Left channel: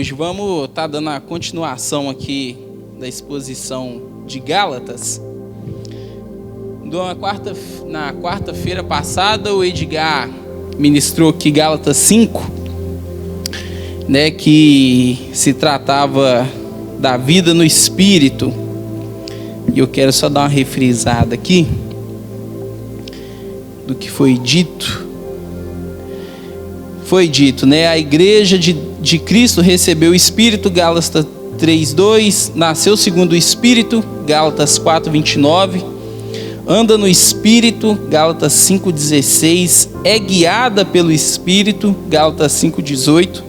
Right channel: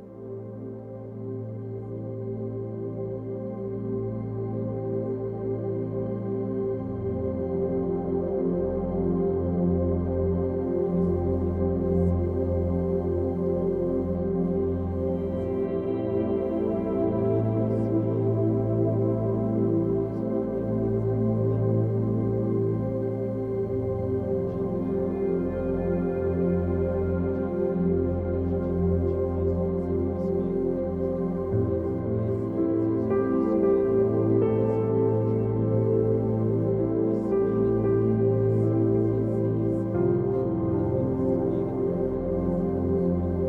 Hoje vamos estar dando a continuação aqui da exposição de Gálatas. Na quarta-feira passada, o Edgar ministrou aqui Gálatas 5, né, que se tratava da vida no Espírito. E eu quero só dar uma refrisada aqui do que foi dito. Foi dito, né? A igreja de Cristo recebeu o Espírito, Gálatas 3:2, nasceu segundo o Espírito, Gálatas 4:29, anda no Espírito, Gálatas 5:16, é guiada pelo Espírito, Gálatas 5:18.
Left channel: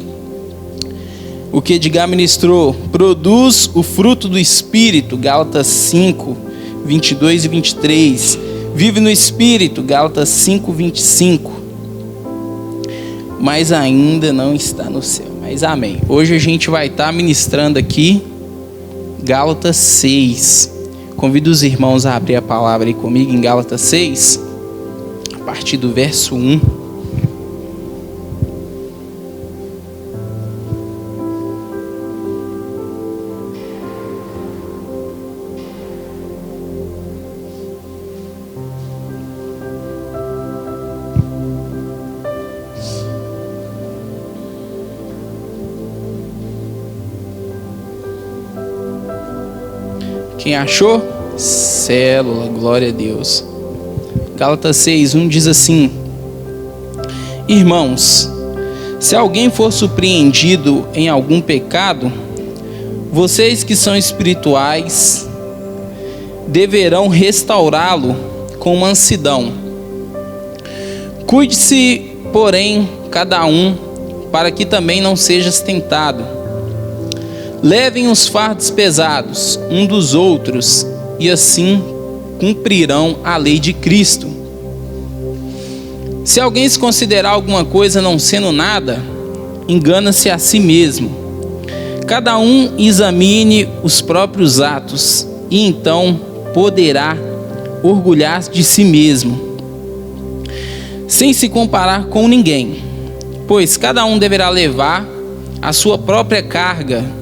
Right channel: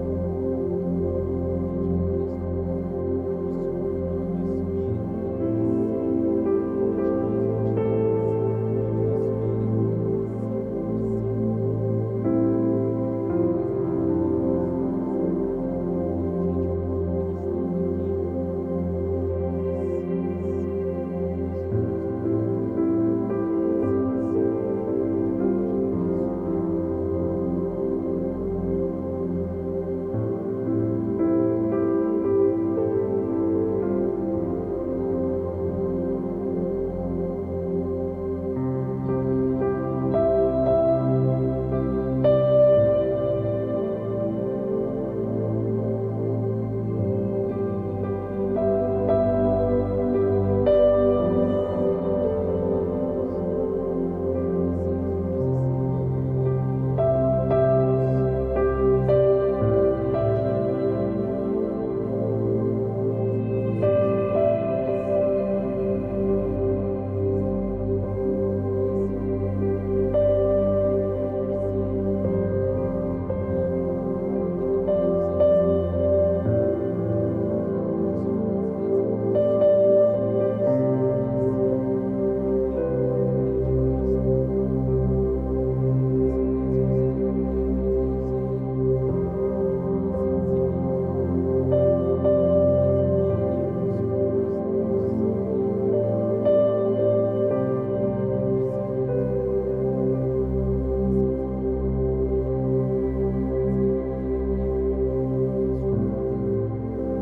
O que Edgar ministrou, produz o fruto do Espírito, Gálatas 5:22 e 23, vive no Espírito, Gálatas 5:25. Mas ainda não está no céu. Mas amém. Hoje a gente vai estar ministrando aqui Gálatas 6. Convido os irmãos a abrir a palavra aí comigo em Gálatas 6, a partir do verso 1. Quem achou? Célula, glória a Deus. Gálatas 6:1 diz assim: Irmãos, se alguém for surpreendido em algum pecado, vocês que são espirituais deverão restaurá-lo com mansidão. Cuide-se, porém, cada um, para que também não sejas tentado. Levem os fardos pesados um dos outros, e assim cumprirão a lei de Cristo. Se alguém se considerar alguma coisa não sendo nada, engana-se a si mesmo. Cada um examine os próprios atos, e então poderá orgulhar de si mesmo, sem se comparar com ninguém, pois cada um deverá levar a sua própria carga.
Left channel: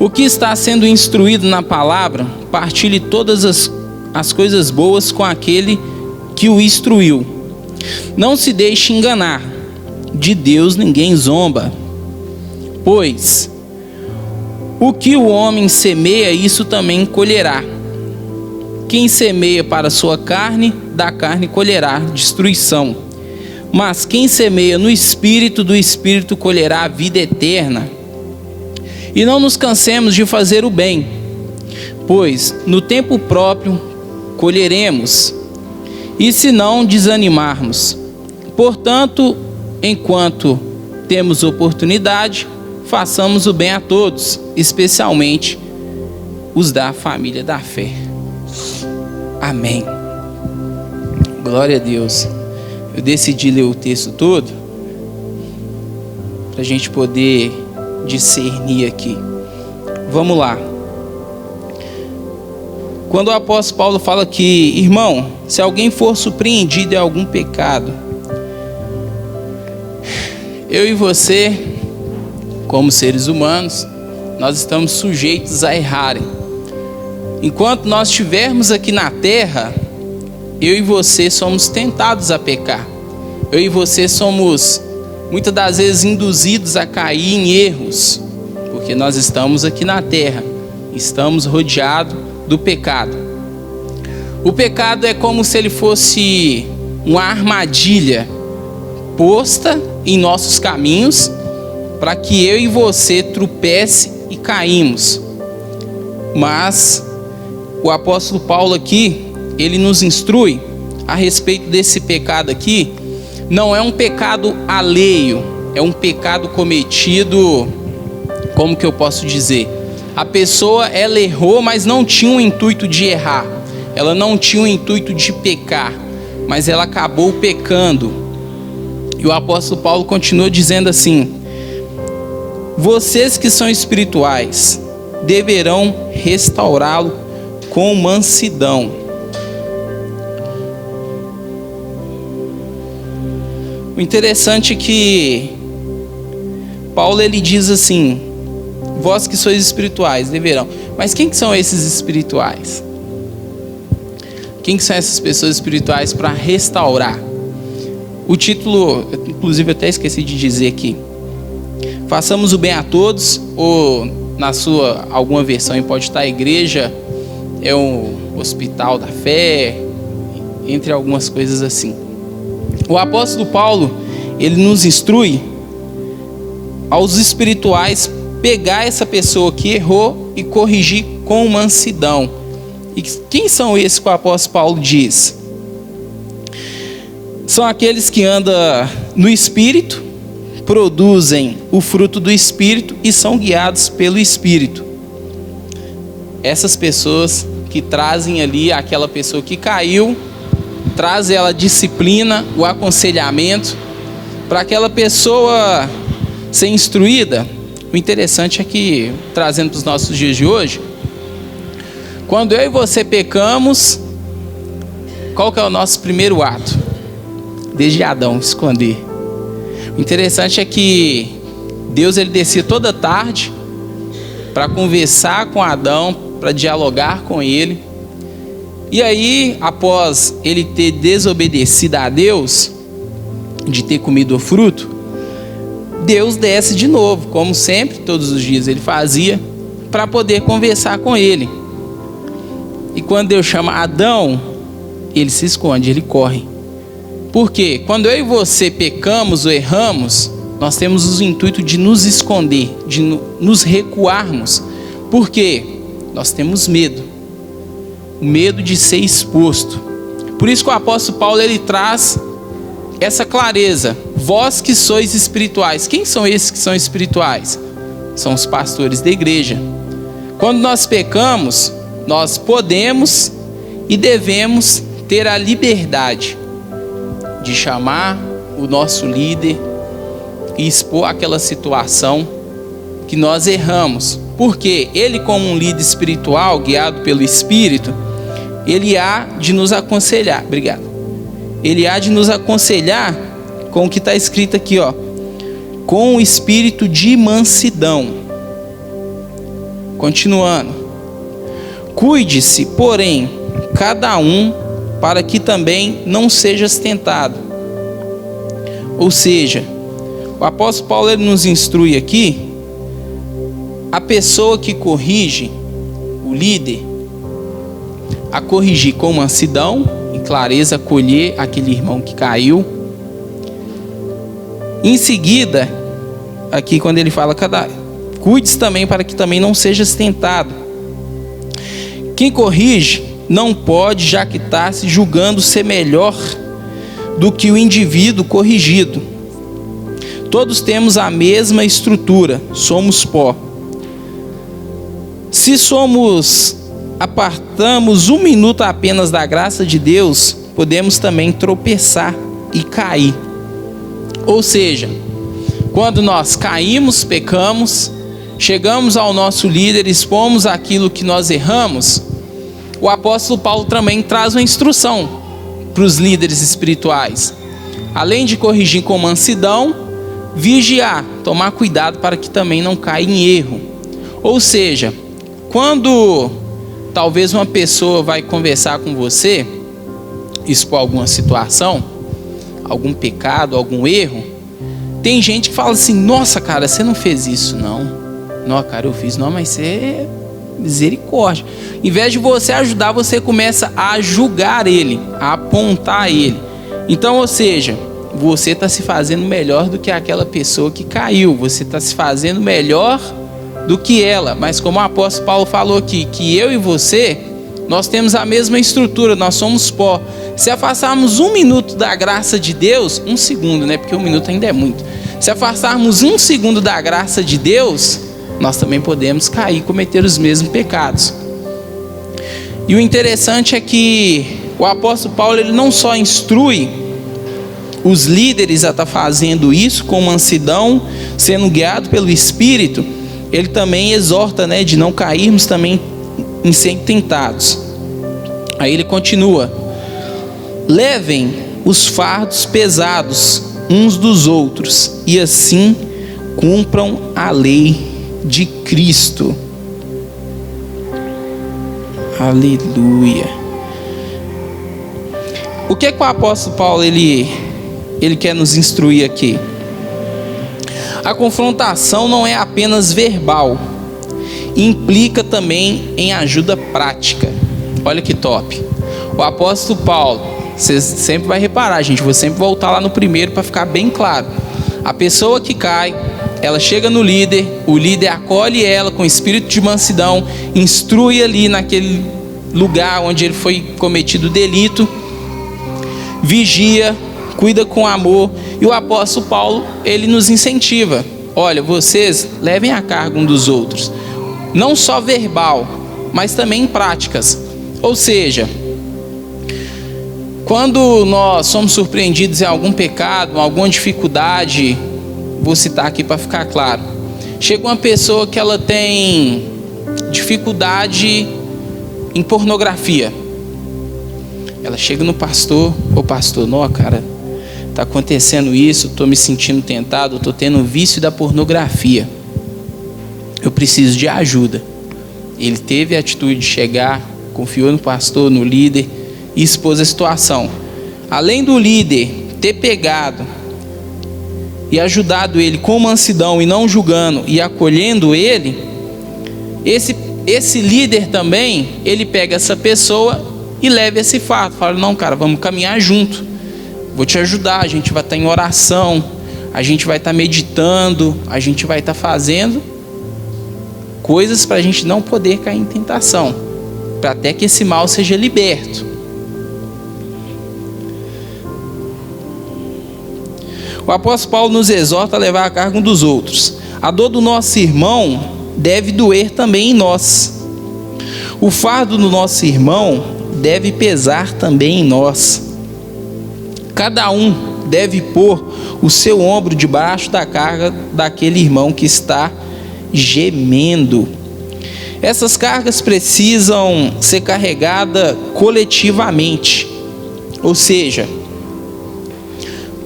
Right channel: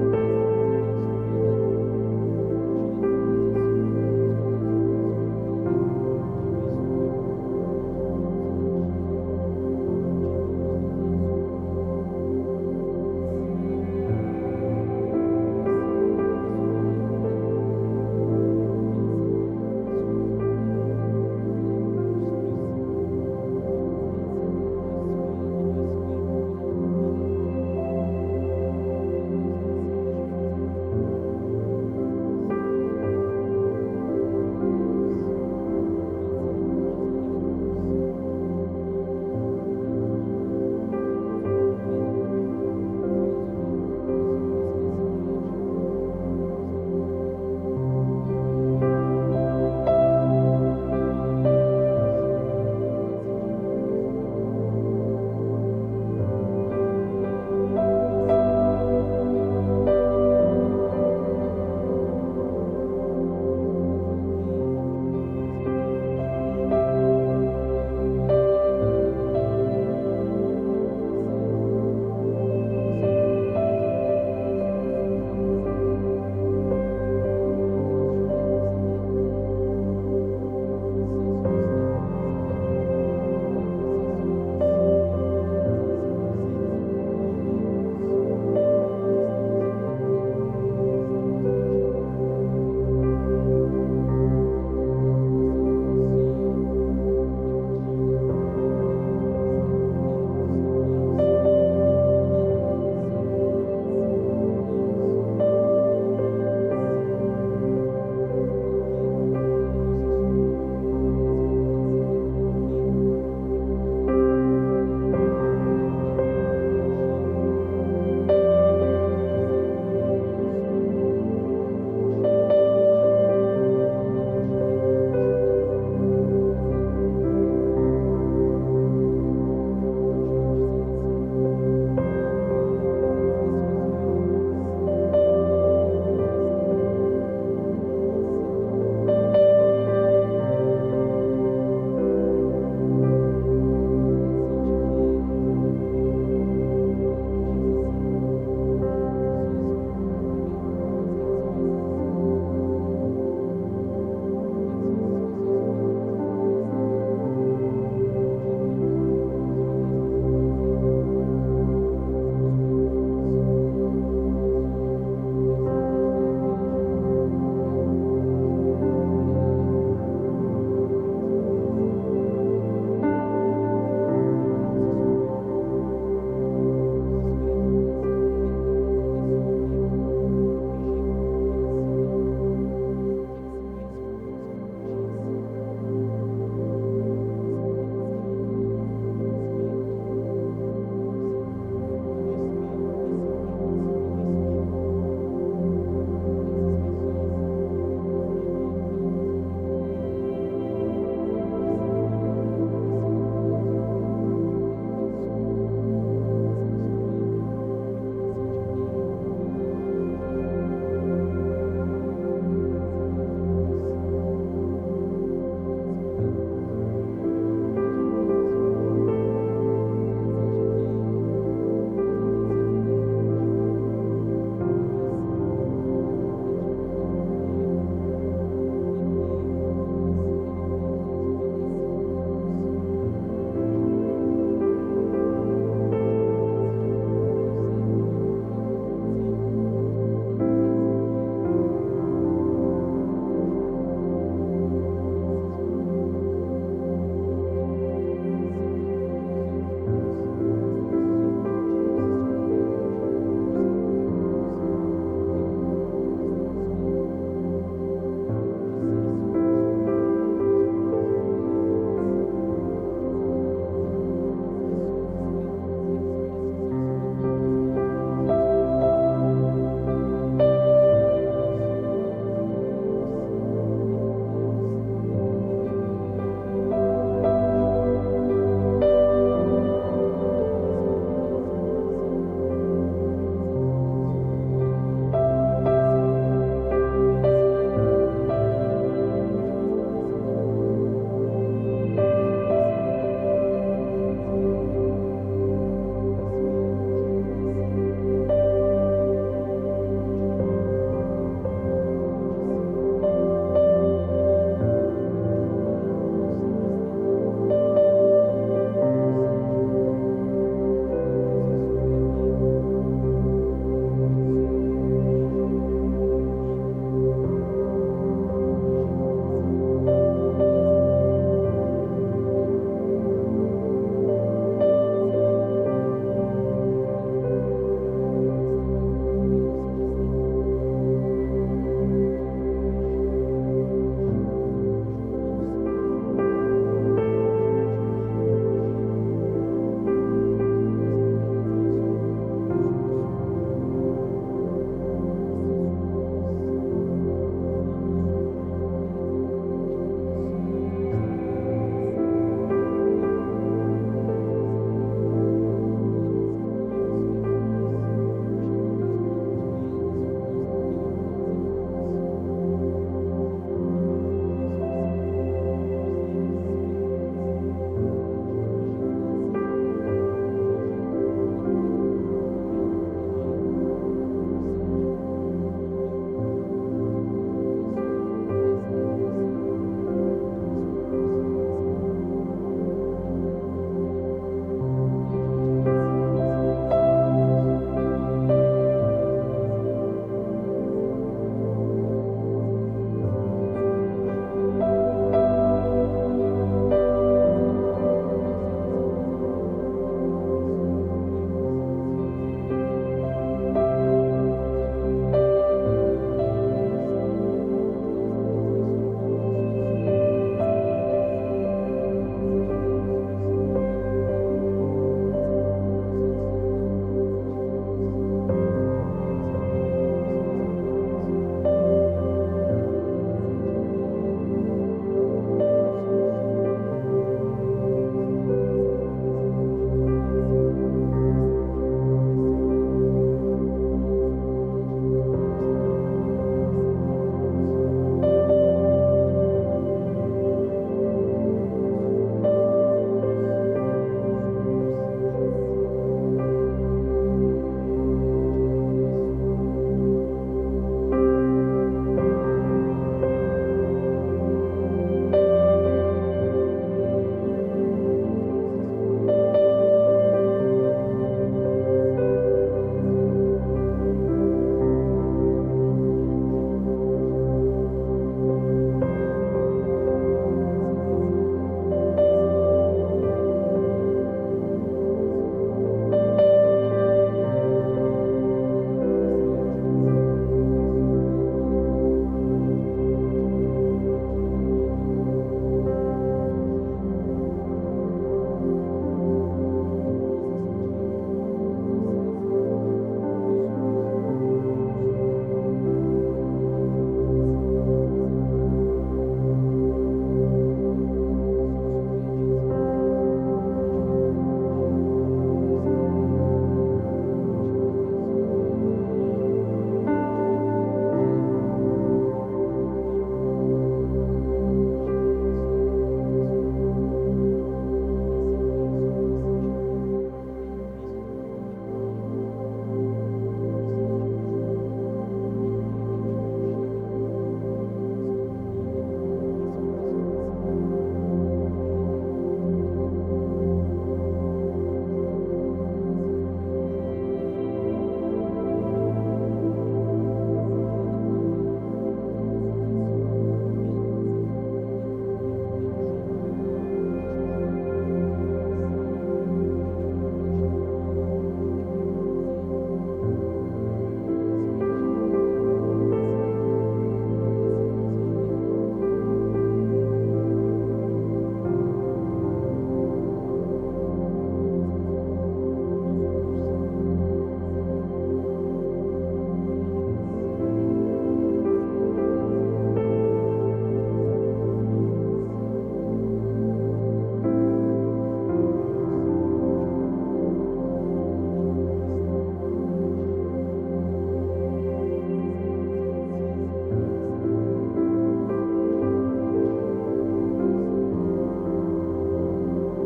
O que está sendo instruído na palavra, partilhe todas as coisas boas com aquele que o instruiu. Não se deixe enganar, de Deus ninguém zomba. Pois o que o homem semeia, isso também colherá. Quem semeia para a sua carne, da carne colherá destruição. Mas quem semeia no Espírito, do Espírito colherá a vida eterna. E não nos cansemos de fazer o bem, pois no tempo próprio colheremos, e se não desanimarmos. Portanto, enquanto temos oportunidade, façamos o bem a todos, especialmente os da família da fé. Amém. Glória a Deus. Eu decidi ler o texto todo para a gente poder discernir aqui. Vamos lá. Quando o apóstolo Paulo fala que, irmão, se alguém for surpreendido em algum pecado, eu e você, como seres humanos, nós estamos sujeitos a errarem. Enquanto nós estivermos aqui na terra, eu e você somos tentados a pecar. Eu e você somos muitas das vezes induzidos a cair em erros, porque nós estamos aqui na terra, estamos rodeados do pecado. O pecado é como se ele fosse uma armadilha posta em nossos caminhos, para que eu e você tropece e caímos. Mas o apóstolo Paulo aqui, ele nos instrui a respeito desse pecado aqui. Não é um pecado alheio, é um pecado cometido, como que eu posso dizer? A pessoa, ela errou, mas não tinha o intuito de errar. Ela não tinha o intuito de pecar, mas ela acabou pecando. E o apóstolo Paulo continua dizendo assim: vocês que são espirituais deverão restaurá-lo com mansidão. O interessante é que Paulo ele diz assim: vós que sois espirituais deverão. Mas quem que são esses espirituais? Quem que são essas pessoas espirituais para restaurar? O título, inclusive eu até esqueci de dizer aqui: façamos o bem a todos, ou na sua alguma versão pode estar: a igreja é um hospital da fé, entre algumas coisas assim. O apóstolo Paulo, ele nos instrui aos espirituais pegar essa pessoa que errou e corrigir com mansidão. E quem são esses que o apóstolo Paulo diz? São aqueles que andam no Espírito, produzem o fruto do Espírito e são guiados pelo Espírito. Essas pessoas que trazem ali aquela pessoa que caiu, trazem ela a disciplina, o aconselhamento, para aquela pessoa ser instruída. O interessante é que, trazendo para os nossos dias de hoje, quando eu e você pecamos, qual que é o nosso primeiro ato? Desde Adão, esconder. O interessante é que Deus ele descia toda tarde para conversar com Adão, para dialogar com ele. E aí, após ele ter desobedecido a Deus, de ter comido o fruto, Deus desce de novo, como sempre, todos os dias ele fazia, para poder conversar com ele. E quando Deus chama Adão, ele se esconde, ele corre. Por quê? Quando eu e você pecamos ou erramos, nós temos o intuito de nos esconder, de nos recuarmos. Por quê? Nós temos medo. O medo de ser exposto. Por isso que o apóstolo Paulo ele traz essa clareza: vós que sois espirituais. Quem são esses que são espirituais? São os pastores da igreja. Quando nós pecamos, nós podemos e devemos ter a liberdade de chamar o nosso líder e expor aquela situação que nós erramos. Porque ele, como um líder espiritual, guiado pelo Espírito, ele há de nos aconselhar. Obrigado. Ele há de nos aconselhar com o que está escrito aqui, ó: com o espírito de mansidão. Continuando: cuide-se, porém, cada um, para que também não sejas tentado. Ou seja, o apóstolo Paulo ele nos instrui aqui, a pessoa que corrige, o líder, a corrigir com mansidão e clareza, acolher aquele irmão que caiu. Em seguida, aqui quando ele fala, cuide-se também para que também não sejas tentado. Quem corrige não pode jactar-se julgando ser melhor do que o indivíduo corrigido. Todos temos a mesma estrutura, somos pó. Se apartamos um minuto apenas da graça de Deus, podemos também tropeçar e cair. Ou seja, quando nós caímos, pecamos, chegamos ao nosso líder, expomos aquilo que nós erramos, o apóstolo Paulo também traz uma instrução para os líderes espirituais. Além de corrigir com mansidão, vigiar, tomar cuidado para que também não caia em erro. Ou seja, quando talvez uma pessoa vai conversar com você, expor alguma situação, algum pecado, algum erro, tem gente que fala assim: nossa, cara, você não fez isso, não. Não, cara, eu fiz. Não, mas você... misericórdia. Em vez de você ajudar, você começa a julgar ele, a apontar ele. Então, ou seja, você está se fazendo melhor do que aquela pessoa que caiu. Você está se fazendo melhor do que ela. Mas como o apóstolo Paulo falou aqui, que eu e você, nós temos a mesma estrutura, nós somos pó. Se afastarmos um minuto da graça de Deus, um segundo, né? Porque um minuto ainda é muito. Se afastarmos um segundo da graça de Deus, nós também podemos cair e cometer os mesmos pecados. E o interessante é que o apóstolo Paulo ele não só instrui os líderes a estar fazendo isso com mansidão, sendo guiado pelo Espírito, ele também exorta, né, de não cairmos também em ser tentados. Aí ele continua: levem os fardos pesados uns dos outros, e assim cumpram a lei de Cristo. Aleluia. O que o apóstolo Paulo ele quer nos instruir aqui? A confrontação não é apenas verbal, implica também em ajuda prática. Olha que top. O apóstolo Paulo, você sempre vai reparar, gente, vou sempre voltar lá no primeiro para ficar bem claro. A pessoa que cai, ela chega no líder, o líder acolhe ela com espírito de mansidão, instrui ali naquele lugar onde ele foi cometido delito, vigia, cuida com amor. E o apóstolo Paulo, ele nos incentiva: olha, vocês levem a carga um dos outros, não só verbal, mas também em práticas. Ou seja, quando nós somos surpreendidos em algum pecado, alguma dificuldade, vou citar aqui para ficar claro, chega uma pessoa que ela tem dificuldade em pornografia, ela chega no pastor: ô pastor, não, cara, está acontecendo isso, estou me sentindo tentado, estou tendo um vício da pornografia, eu preciso de ajuda. Ele teve a atitude de chegar, confiou no pastor, no líder, e expôs a situação. Além do líder ter pegado e ajudado ele com mansidão e não julgando e acolhendo ele, esse líder também, ele pega essa pessoa e leva esse fato, fala: não, cara, vamos caminhar junto, vou te ajudar, a gente vai estar em oração, a gente vai estar meditando, a gente vai estar fazendo coisas para a gente não poder cair em tentação, para até que esse mal seja liberto. O apóstolo Paulo nos exorta a levar a carga um dos outros. A dor do nosso irmão deve doer também em nós. O fardo do nosso irmão deve pesar também em nós. Cada um deve pôr o seu ombro debaixo da carga daquele irmão que está gemendo. Essas cargas precisam ser carregadas coletivamente. Ou seja,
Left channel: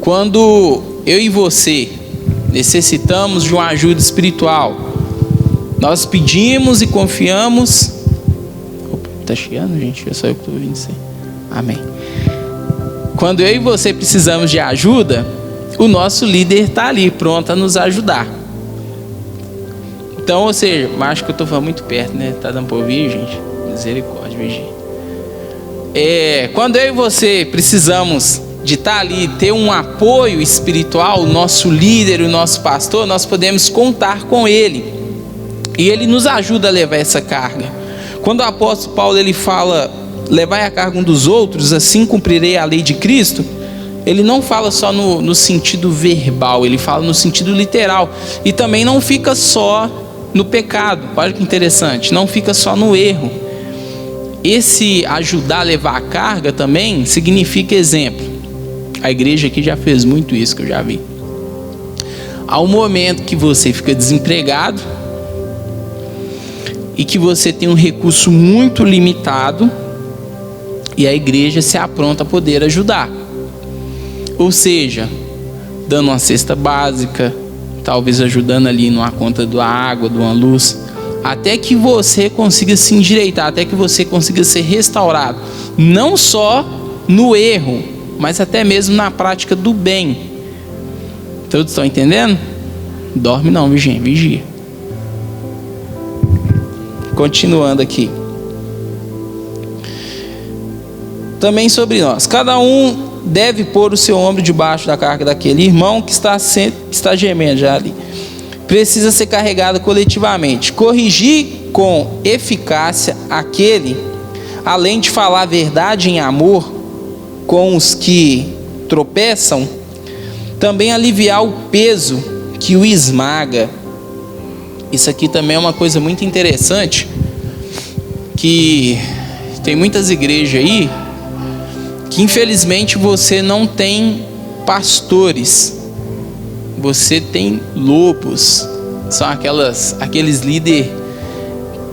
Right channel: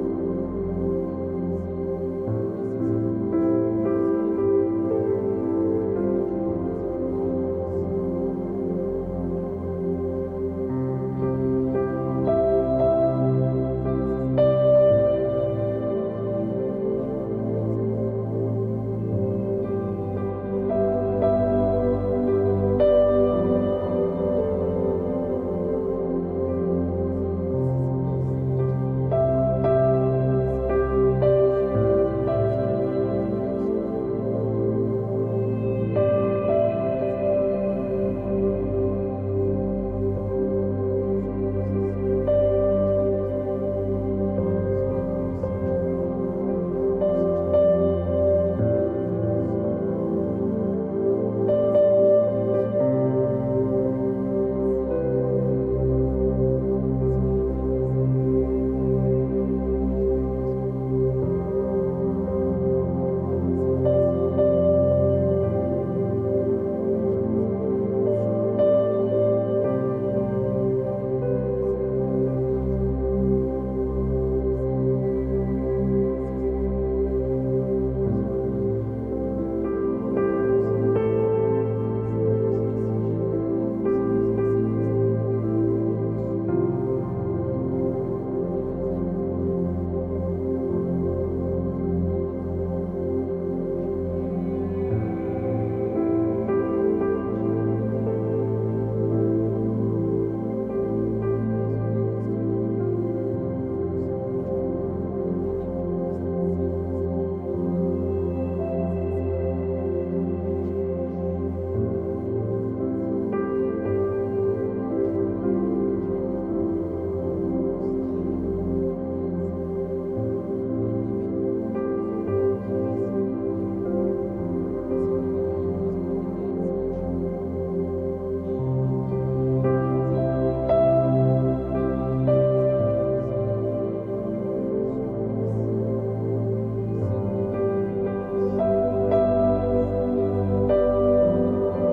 quando eu e você necessitamos de uma ajuda espiritual, nós pedimos e confiamos. Opa, tá chegando, gente? É só eu que estou ouvindo isso aí. Amém. Quando eu e você precisamos de ajuda, o nosso líder está ali, pronto a nos ajudar. Então, ou seja, acho que eu estou falando muito perto, né? Tá dando para ouvir, gente? Misericórdia, Virgínia. Quando eu e você precisamos de estar ali, ter um apoio espiritual, o nosso líder, o nosso pastor, nós podemos contar com ele, e ele nos ajuda a levar essa carga. Quando o apóstolo Paulo ele fala: levai a carga um dos outros, assim cumprirei a lei de Cristo, ele não fala só no sentido verbal, ele fala no sentido literal, e também não fica só no pecado. Olha que interessante, não fica só no erro. Esse ajudar a levar a carga também significa exemplo. A igreja aqui já fez muito isso, que eu já vi. Há um momento que você fica desempregado e que você tem um recurso muito limitado, e a igreja se apronta a poder ajudar. Ou seja, dando uma cesta básica, talvez ajudando ali numa conta da água, de uma luz, até que você consiga se endireitar, até que você consiga ser restaurado, não só no erro, mas até mesmo na prática do bem. Todos estão entendendo? Dorme não, vigia. Continuando aqui. Também sobre nós. Cada um deve pôr o seu ombro debaixo da carga daquele irmão que está gemendo já ali. Precisa ser carregado coletivamente. Corrigir com eficácia aquele, além de falar a verdade em amor com os que tropeçam, também aliviar o peso que o esmaga. Isso aqui também é uma coisa muito interessante, que tem muitas igrejas aí que infelizmente você não tem pastores, você tem lobos. São aqueles líderes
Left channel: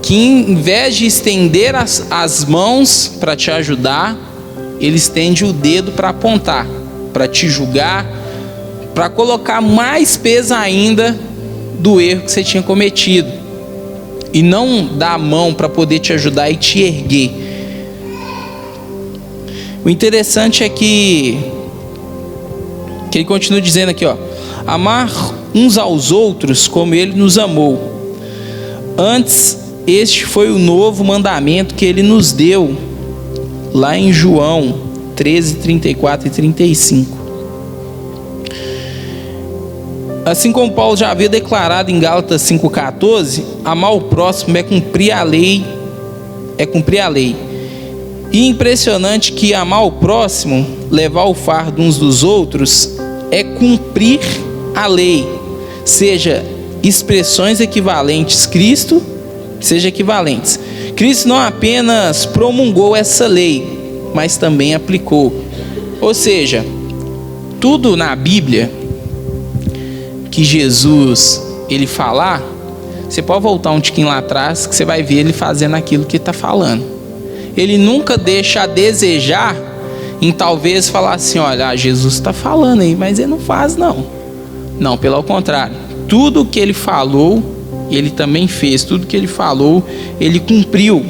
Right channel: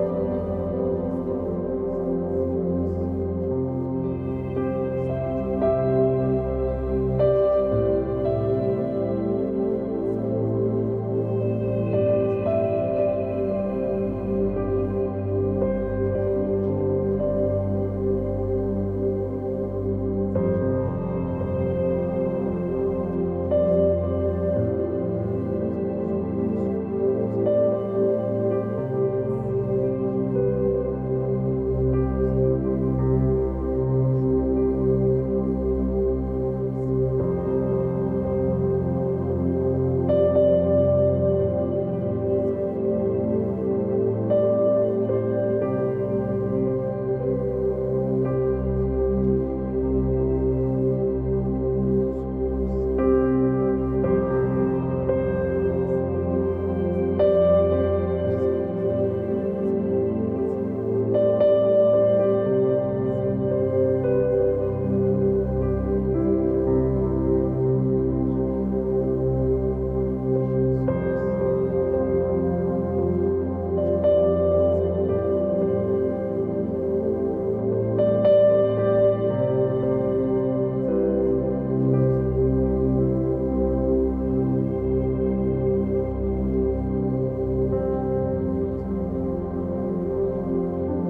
que, em vez de estender as mãos para te ajudar, ele estende o dedo para apontar, para te julgar, para colocar mais peso ainda do erro que você tinha cometido e não dar a mão para poder te ajudar e te erguer. O interessante é que ele continua dizendo aqui, ó: amar uns aos outros como ele nos amou. Antes, este foi o novo mandamento que ele nos deu, lá em João 13, 34 e 35. Assim como Paulo já havia declarado em Gálatas 5,14, amar o próximo é cumprir a lei. E impressionante que amar o próximo, levar o fardo uns dos outros, é cumprir a lei. Seja expressões equivalentes, Cristo não apenas promulgou essa lei, mas também aplicou. Ou seja, tudo na Bíblia que Jesus ele falar, você pode voltar um tiquinho lá atrás que você vai ver ele fazendo aquilo que ele está falando. Ele nunca deixa a desejar em talvez falar assim: olha, Jesus está falando aí, mas ele não faz não. Não, pelo contrário, tudo que ele falou, ele também fez. Tudo que ele falou, ele cumpriu.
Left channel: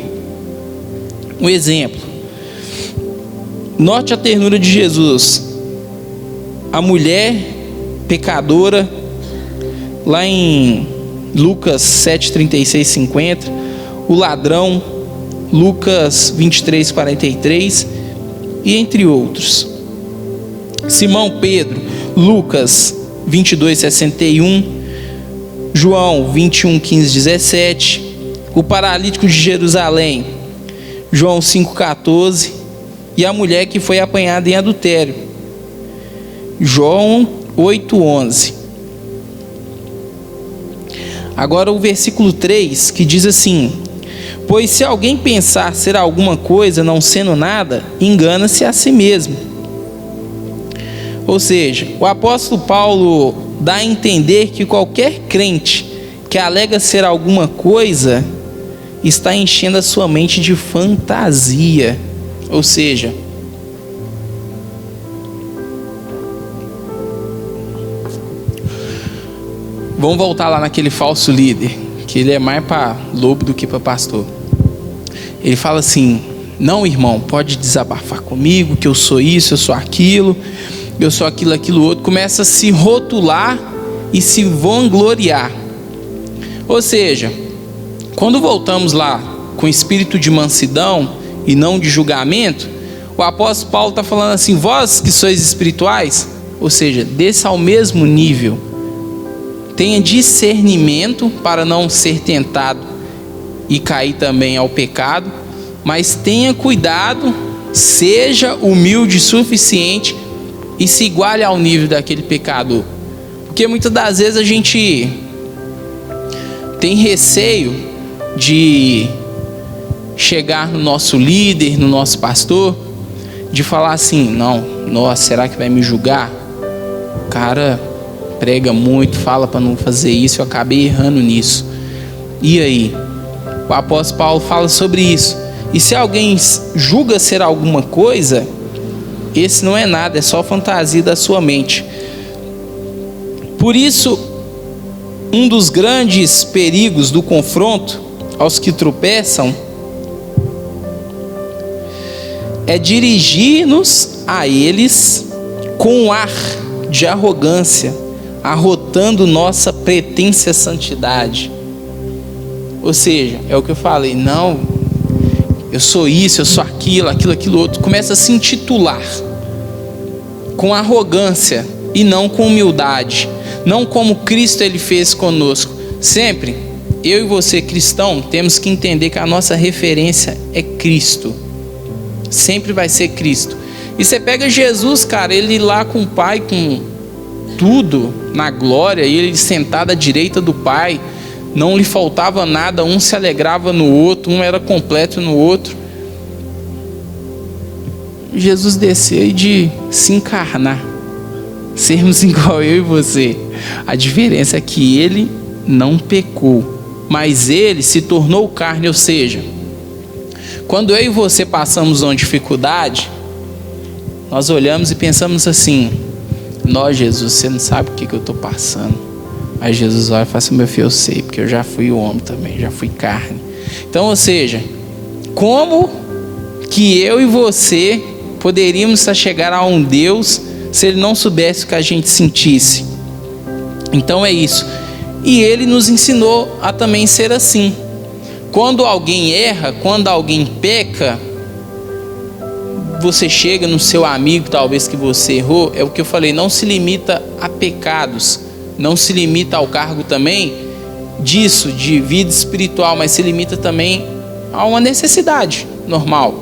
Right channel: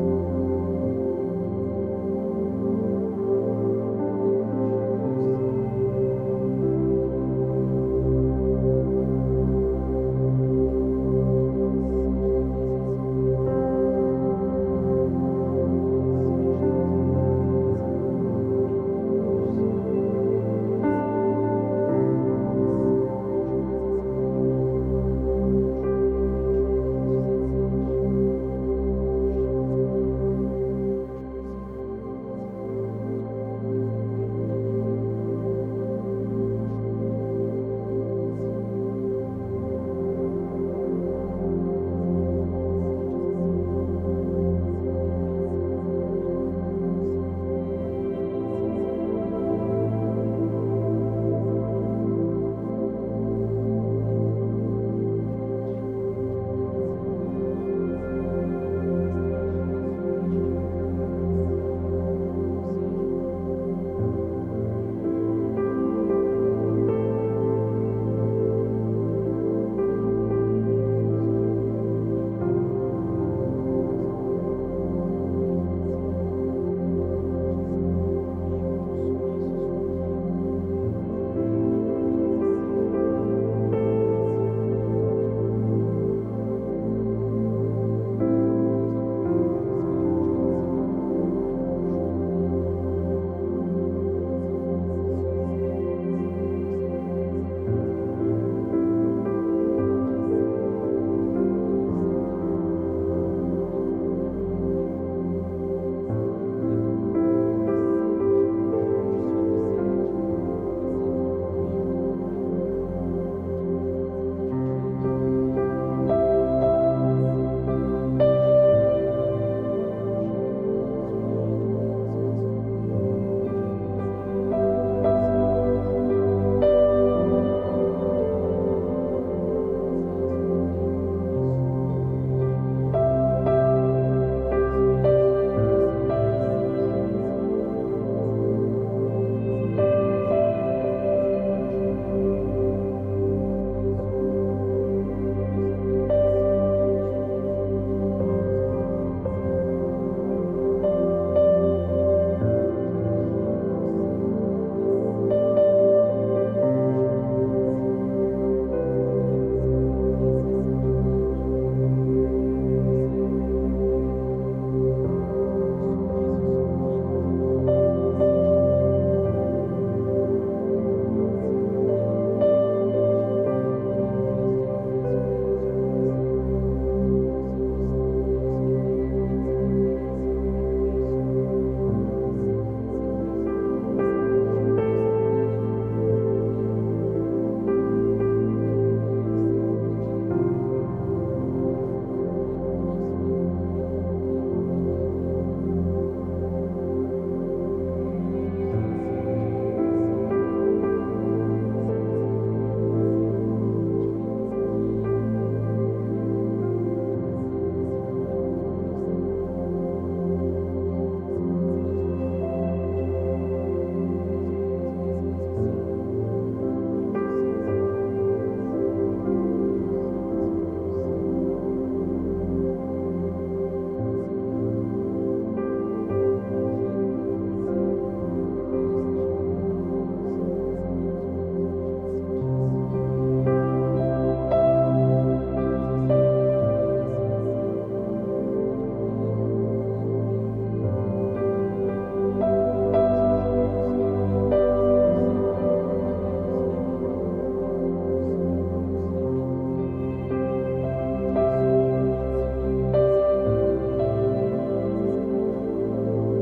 Um exemplo: note a ternura de Jesus. A mulher pecadora, lá em Lucas 7, 36, 50. O ladrão, Lucas 23, 43. E entre outros. Simão Pedro, Lucas 22, 61. João 21, 15, 17. O paralítico de Jerusalém, João 5, 14. E a mulher que foi apanhada em adultério, João 8, 11. Agora o versículo 3, que diz assim: pois se alguém pensar ser alguma coisa não sendo nada, engana-se a si mesmo. Ou seja, o apóstolo Paulo dá a entender que qualquer crente que alega ser alguma coisa está enchendo a sua mente de fantasia. Ou seja, vamos voltar lá naquele falso líder, que ele é mais para lobo do que para pastor. Ele fala assim: não, irmão, pode desabafar comigo, que eu sou isso, eu sou aquilo, eu sou aquilo, aquilo outro. Começa a se rotular e se vangloriar. Ou seja, quando voltamos lá com espírito de mansidão e não de julgamento, o apóstolo Paulo está falando assim: vós que sois espirituais, ou seja, desça ao mesmo nível, tenha discernimento para não ser tentado e cair também ao pecado, mas tenha cuidado, seja humilde o suficiente e se iguale ao nível daquele pecador. Porque muitas das vezes a gente tem receio de chegar no nosso líder, no nosso pastor, de falar assim: não, nossa, será que vai me julgar? O cara prega muito, fala para não fazer isso, eu acabei errando nisso. E aí? O apóstolo Paulo fala sobre isso. E se alguém julga ser alguma coisa, esse não é nada, é só fantasia da sua mente. Por isso, um dos grandes perigos do confronto aos que tropeçam é dirigir-nos a eles com um ar de arrogância, arrotando nossa pretensa santidade. Ou seja, é o que eu falei: não, eu sou isso, eu sou aquilo, aquilo outro. Começa a se intitular com arrogância e não com humildade, não como Cristo ele fez conosco. Sempre, eu e você cristão, temos que entender que a nossa referência é Cristo. Sempre vai ser Cristo. E você pega Jesus, cara, ele lá com o Pai, com tudo na glória, ele sentado à direita do Pai, não lhe faltava nada, um se alegrava no outro, um era completo no outro. Jesus desceu de se encarnar, sermos igual eu e você. A diferença é que ele não pecou, mas ele se tornou carne. Ou seja, quando eu e você passamos uma dificuldade, nós olhamos e pensamos assim: nós, Jesus, você não sabe o que eu estou passando. Aí Jesus olha e fala assim: meu filho, eu sei, porque eu já fui homem também, já fui carne. Então, ou seja, como que eu e você poderíamos chegar a um Deus se Ele não soubesse o que a gente sentisse? Então é isso. E Ele nos ensinou a também ser assim. Quando alguém erra, quando alguém peca, você chega no seu amigo, talvez que você errou, é o que eu falei, não se limita a pecados, não se limita ao cargo também disso, de vida espiritual, mas se limita também a uma necessidade normal.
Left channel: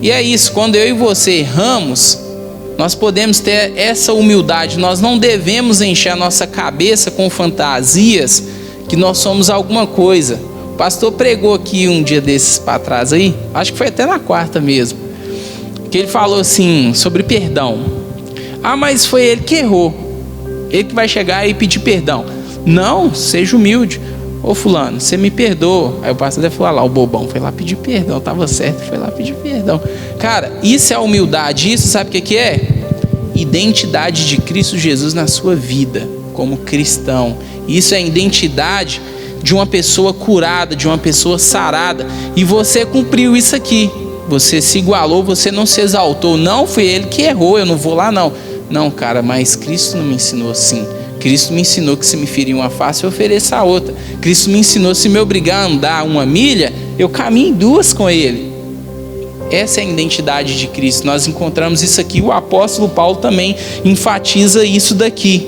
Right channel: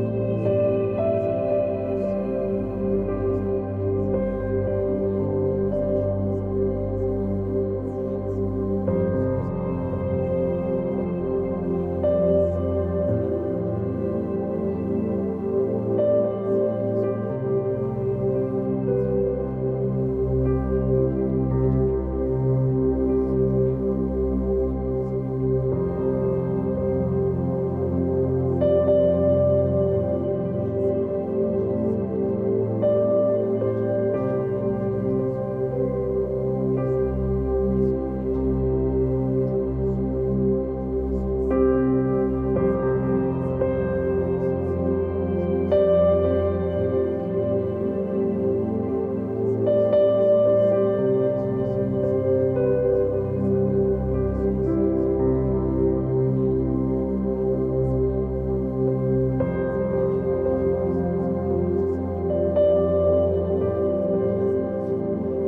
E é isso, quando eu e você erramos, nós podemos ter essa humildade. Nós não devemos encher a nossa cabeça com fantasias que nós somos alguma coisa. O pastor pregou aqui um dia desses para trás aí, acho que foi até na quarta mesmo, que ele falou assim sobre perdão. Ah, mas foi ele que errou, ele que vai chegar e pedir perdão. Não, seja humilde. Ô fulano, você me perdoa. Aí o pastor deve falar lá, o bobão foi lá pedir perdão, estava certo, foi lá pedir perdão. Cara, isso é humildade. Isso sabe o que é? Identidade de Cristo Jesus na sua vida como cristão. Isso é a identidade de uma pessoa curada, de uma pessoa sarada. E você cumpriu isso aqui. Você se igualou, você não se exaltou. Não foi ele que errou, eu não vou lá não. Não, cara, mas Cristo não me ensinou assim. Cristo me ensinou que se me ferir uma face, eu ofereço a outra. Cristo me ensinou, se me obrigar a andar 1 milha, eu caminho 2 com Ele. Essa é a identidade de Cristo. Nós encontramos isso aqui. O apóstolo Paulo também enfatiza isso daqui.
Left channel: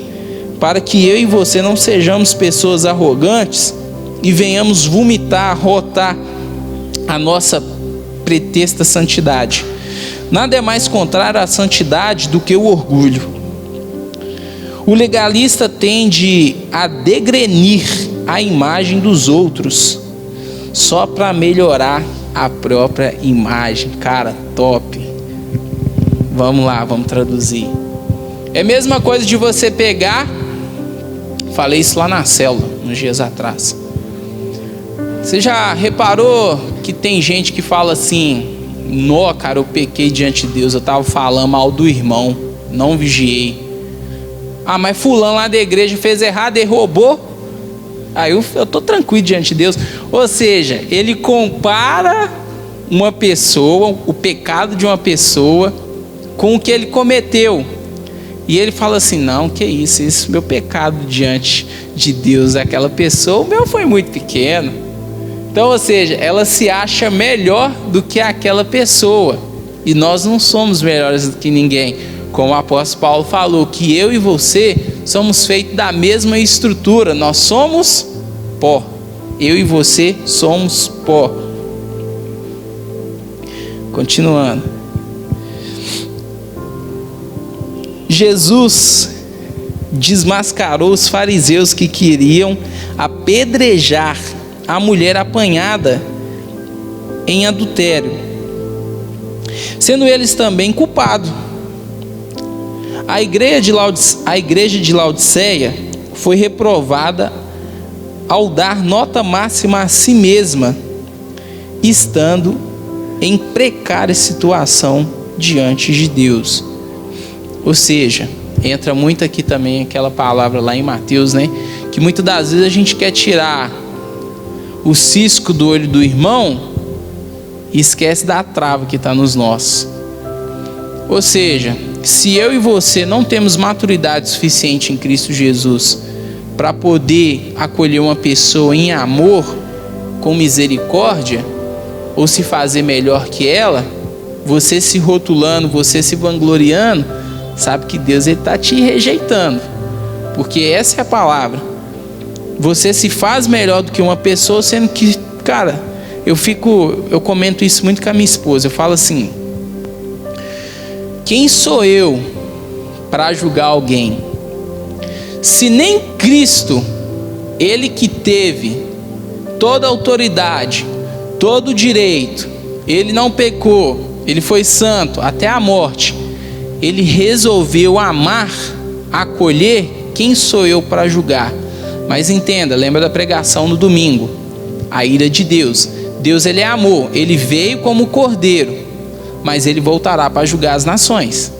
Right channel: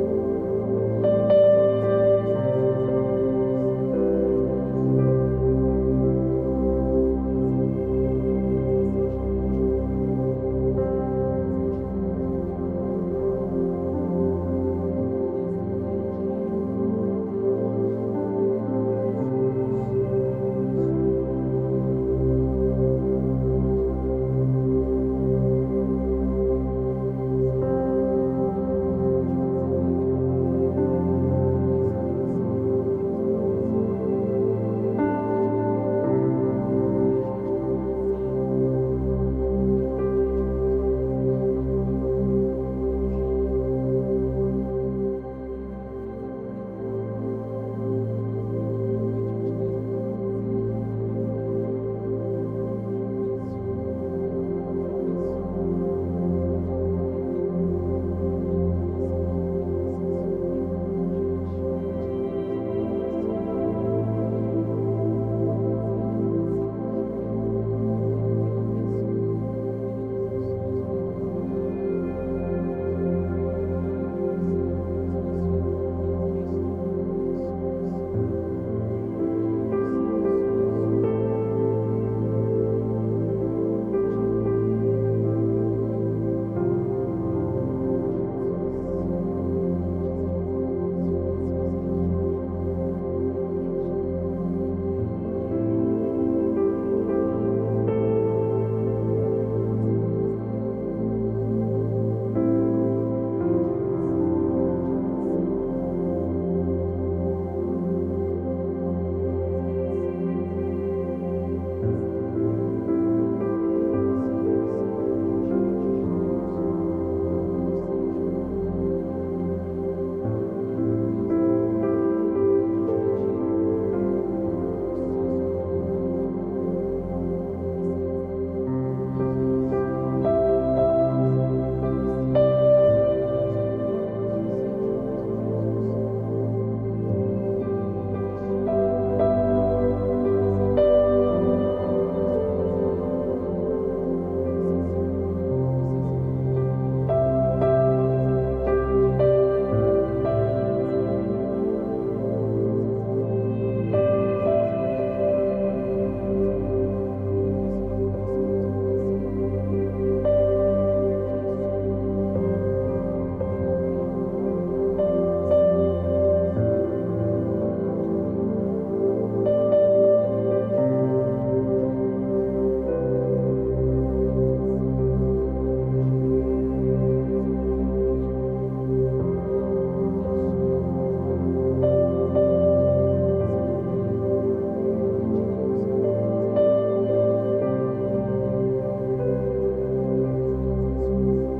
Para que eu e você não sejamos pessoas arrogantes e venhamos vomitar, rotar a nossa pretexta santidade. Nada é mais contrário à santidade do que o orgulho. O legalista tende a degrenir a imagem dos outros só para melhorar a própria imagem. Cara, top. Vamos lá, vamos traduzir. É a mesma coisa de você pegar, falei isso lá na célula, uns dias atrás. Você já reparou que tem gente que fala assim: nó, cara, eu pequei diante de Deus, eu estava falando mal do irmão, não vigiei. Ah, mas fulano lá da igreja fez errado e roubou. Aí eu tô tranquilo diante de Deus. Ou seja, ele compara uma pessoa, o pecado de uma pessoa, com o que ele cometeu. E ele fala assim: não, que isso, esse meu pecado diante de Deus, aquela pessoa, o meu foi muito pequeno. Então, ou seja, ela se acha melhor do que aquela pessoa. E nós não somos melhores do que ninguém. Como o apóstolo Paulo falou, que eu e você somos feitos da mesma estrutura. Nós somos pó. Eu e você somos pó. Continuando. Jesus desmascarou os fariseus que queriam apedrejar a mulher apanhada em adultério, sendo eles também culpados. A igreja de Laodiceia foi reprovada ao dar nota máxima a si mesma, estando em precária situação diante de Deus. Ou seja, entra muito aqui também aquela palavra lá em Mateus, né? Que muitas das vezes a gente quer tirar o cisco do olho do irmão e esquece da trava que está nos nossos. Ou seja, se eu e você não temos maturidade suficiente em Cristo Jesus para poder acolher uma pessoa em amor, com misericórdia, ou se fazer melhor que ela, você se rotulando, você se vangloriando, sabe que Deus está te rejeitando, porque essa é a palavra. Você se faz melhor do que uma pessoa, sendo que, cara, eu comento isso muito com a minha esposa. Eu falo assim: quem sou eu para julgar alguém? Se nem Cristo, Ele que teve toda a autoridade, todo o direito, Ele não pecou, Ele foi santo até a morte, Ele resolveu amar, acolher, quem sou eu para julgar? Mas entenda, lembra da pregação no domingo, a ira de Deus. Deus, Ele é amor, Ele veio como cordeiro, mas Ele voltará para julgar as nações.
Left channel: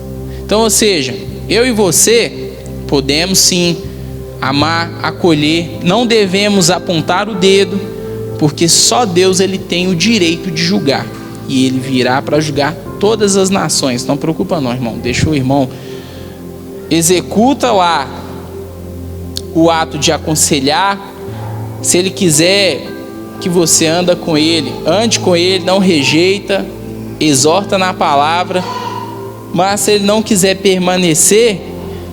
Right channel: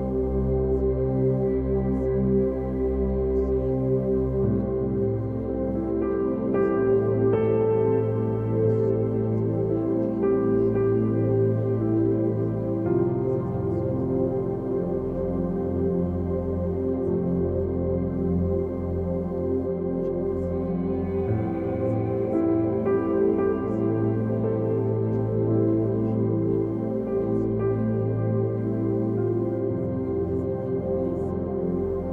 Então, ou seja, eu e você podemos sim amar, acolher. Não devemos apontar o dedo, porque só Deus ele tem o direito de julgar. E ele virá para julgar todas as nações. Não preocupa não, irmão. Deixa o irmão executa lá o ato de aconselhar. Se ele quiser que você ande com ele, não rejeita, exorta na palavra. Mas se ele não quiser permanecer,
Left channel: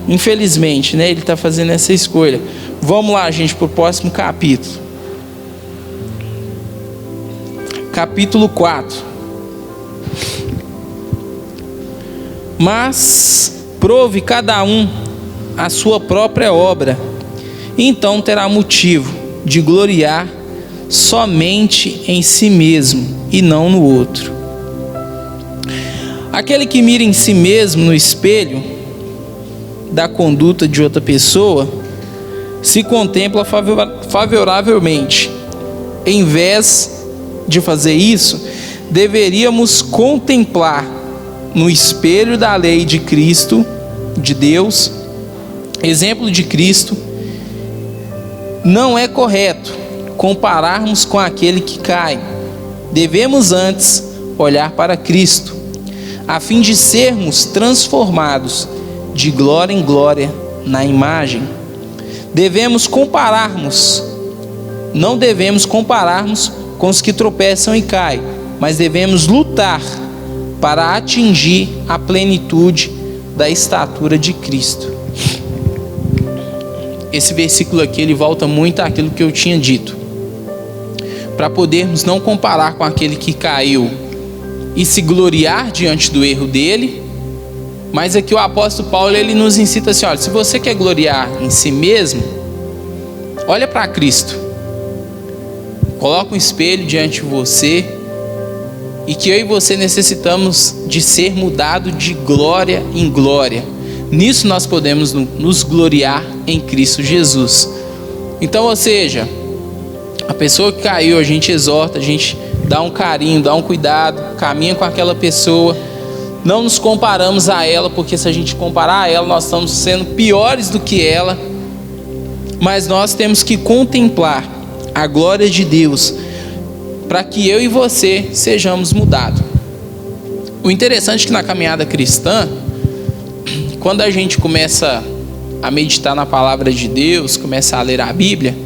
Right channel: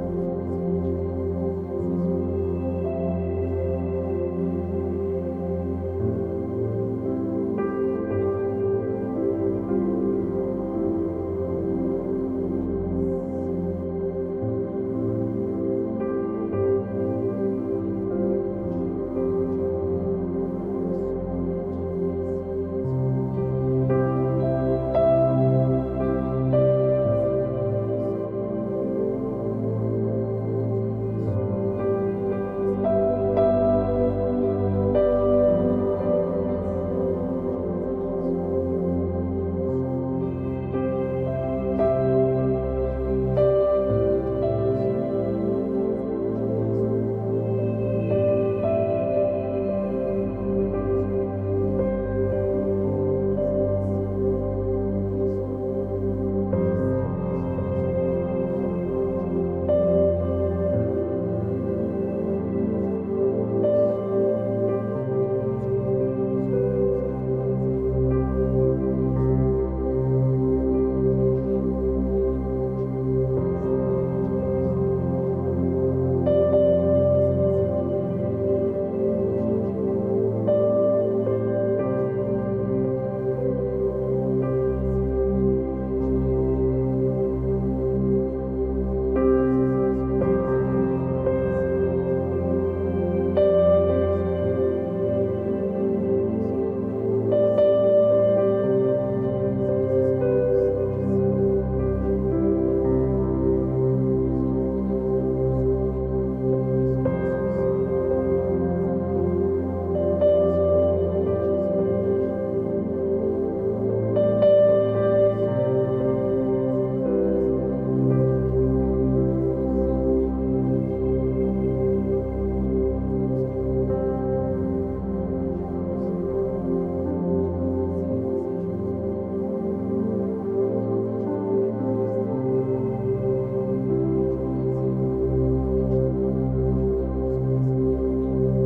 infelizmente, né, ele está fazendo essa escolha. Vamos lá, gente, para o próximo capítulo. Capítulo 4. Mas prove cada um a sua própria obra, e então terá motivo de gloriar somente em si mesmo e não no outro. Aquele que mira em si mesmo no espelho da conduta de outra pessoa se contempla favoravelmente. Em vez de fazer isso, deveríamos contemplar no espelho da lei de Cristo, de Deus, exemplo de Cristo. Não é correto compararmos com aquele que cai. Devemos antes olhar para Cristo, a fim de sermos transformados de glória em glória na imagem. Não devemos compararmos com os que tropeçam e caem, mas devemos lutar para atingir a plenitude da estatura de Cristo. Esse versículo aqui, ele volta muito àquilo que eu tinha dito. Para podermos não comparar com aquele que caiu e se gloriar diante do erro dele. Mas aqui o apóstolo Paulo, ele nos incita assim, olha, se você quer gloriar em si mesmo, olha para Cristo. Coloca um espelho diante de você, e que eu e você necessitamos de ser mudado de glória em glória. Nisso nós podemos nos gloriar em Cristo Jesus. Então, ou seja, a pessoa que caiu, a gente exorta, a gente dá um carinho, dá um cuidado, caminha com aquela pessoa. Não nos comparamos a ela, porque se a gente comparar a ela, nós estamos sendo piores do que ela. Mas nós temos que contemplar a glória de Deus, para que eu e você sejamos mudados. O interessante é que na caminhada cristã, quando a gente começa a meditar na palavra de Deus, começa a ler a Bíblia,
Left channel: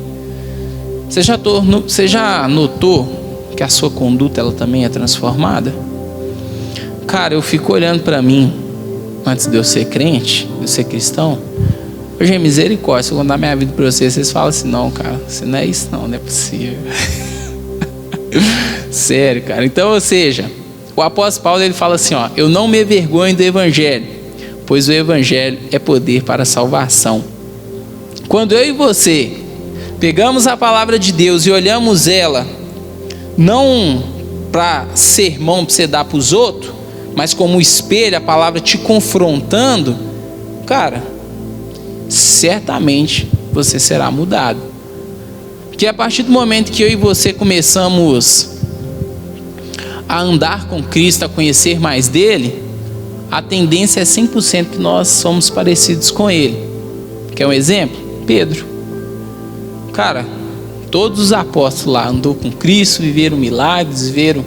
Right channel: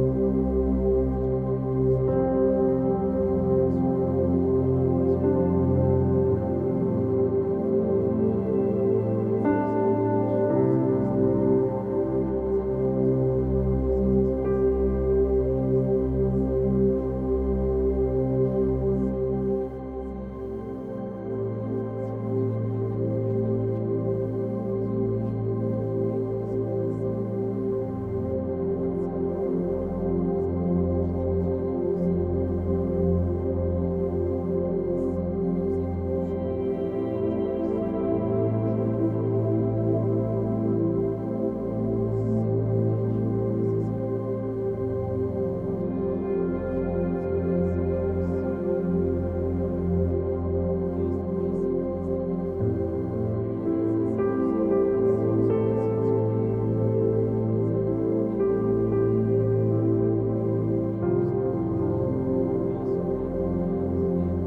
você já notou que a sua conduta ela também é transformada? Cara, eu fico olhando para mim, antes de eu ser crente, de eu ser cristão. Hoje é misericórdia, se eu contar minha vida para vocês, vocês falam assim, não, cara, você não é isso não é possível. Sério, cara. Então, ou seja, o apóstolo Paulo, ele fala assim, ó, eu não me envergonho do evangelho, pois o evangelho é poder para a salvação. Quando eu e você pegamos a palavra de Deus e olhamos ela, não para sermão para você dar para os outros, mas como um espelho, a palavra te confrontando, cara, certamente você será mudado. Porque a partir do momento que eu e você começamos a andar com Cristo, a conhecer mais dele, a tendência é 100% que nós somos parecidos com ele. Quer um exemplo? Pedro. Cara, todos os apóstolos lá andou com Cristo, viveram milagres, viveram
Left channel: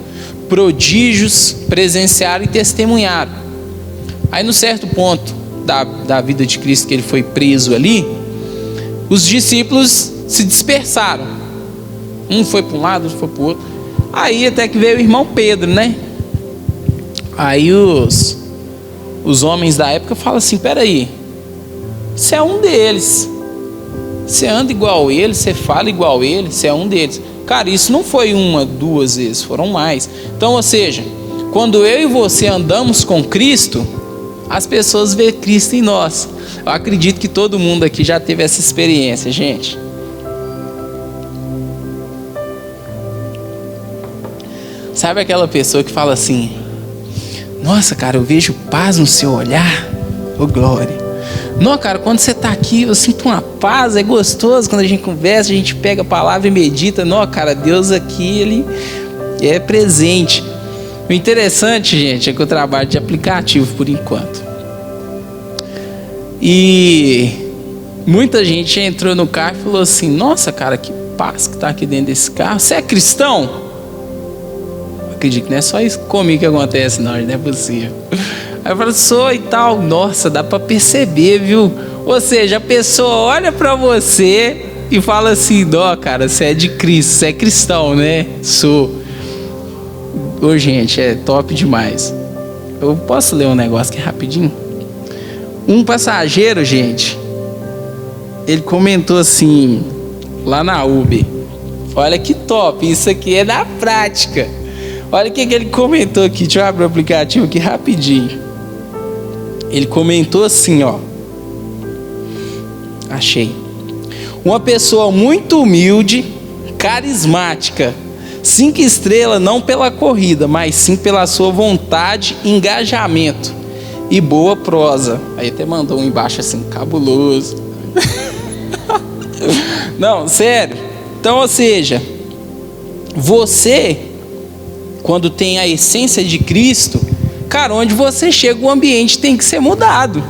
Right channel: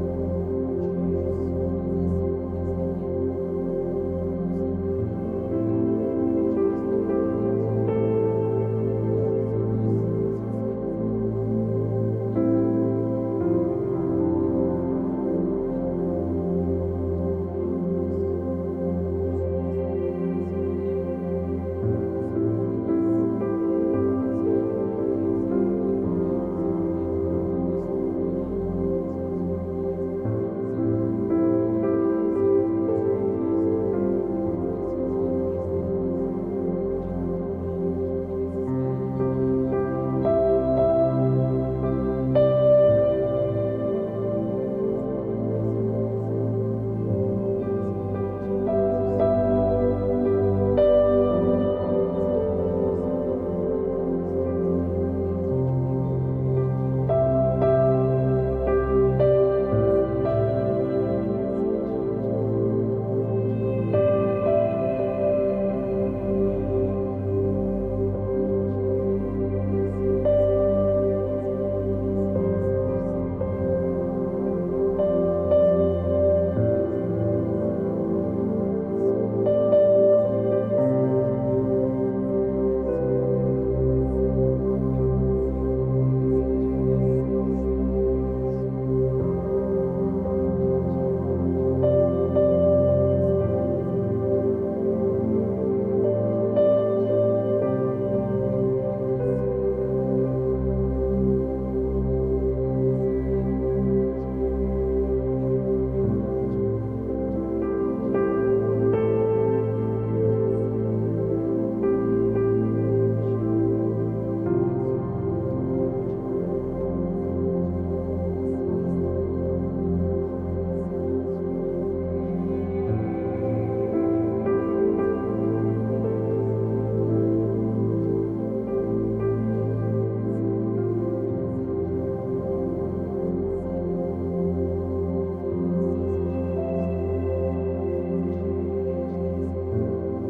prodígios, presenciaram e testemunharam. Aí no certo ponto da vida de Cristo, que ele foi preso ali, os discípulos se dispersaram. Um foi para um lado, outro foi para o outro. Aí até que veio o irmão Pedro, né? Aí os homens da época falam assim, peraí, você é um deles, você anda igual a ele, você fala igual a ele, você é um deles. Cara, isso não foi uma, duas vezes, foram mais. Então, ou seja, quando eu e você andamos com Cristo, as pessoas veem Cristo em nós. Eu acredito que todo mundo aqui já teve essa experiência, gente. Sabe aquela pessoa que fala assim, nossa, cara, eu vejo paz no seu olhar, ô glória. Não, cara, quando você está aqui, eu sinto uma paz, é gostoso. Quando a gente conversa, a gente pega a palavra e medita. Não, cara, Deus aqui, ele é presente. O interessante, gente, é que eu trabalho de aplicativo por enquanto. E Muita gente entrou no carro e falou assim: nossa, cara, que paz que tá aqui dentro desse carro. Você é cristão? Acredito que não é só isso comigo que acontece, não é possível. Aí eu falo: sou e tal. Nossa, dá pra perceber, viu? Ou seja, a pessoa olha pra você e fala assim: ó, cara, você é de Cristo, você é cristão, né? Sou. Ô, gente, é top demais. Eu posso ler um negócio aqui rapidinho? Um passageiro, gente, ele comentou assim, lá na Uber: olha que top, isso aqui é da prática. Olha o que ele comentou aqui. Deixa eu abrir o aplicativo aqui rapidinho. Ele comentou assim, ó. Achei. Uma pessoa muito humilde, carismática, 5 estrelas não pela corrida, mas sim pela sua vontade, engajamento e boa prosa. Aí até mandou um embaixo assim: cabuloso. Não, sério. Então, ou seja, você, quando tem a essência de Cristo, cara, onde você chega, o ambiente tem que ser mudado.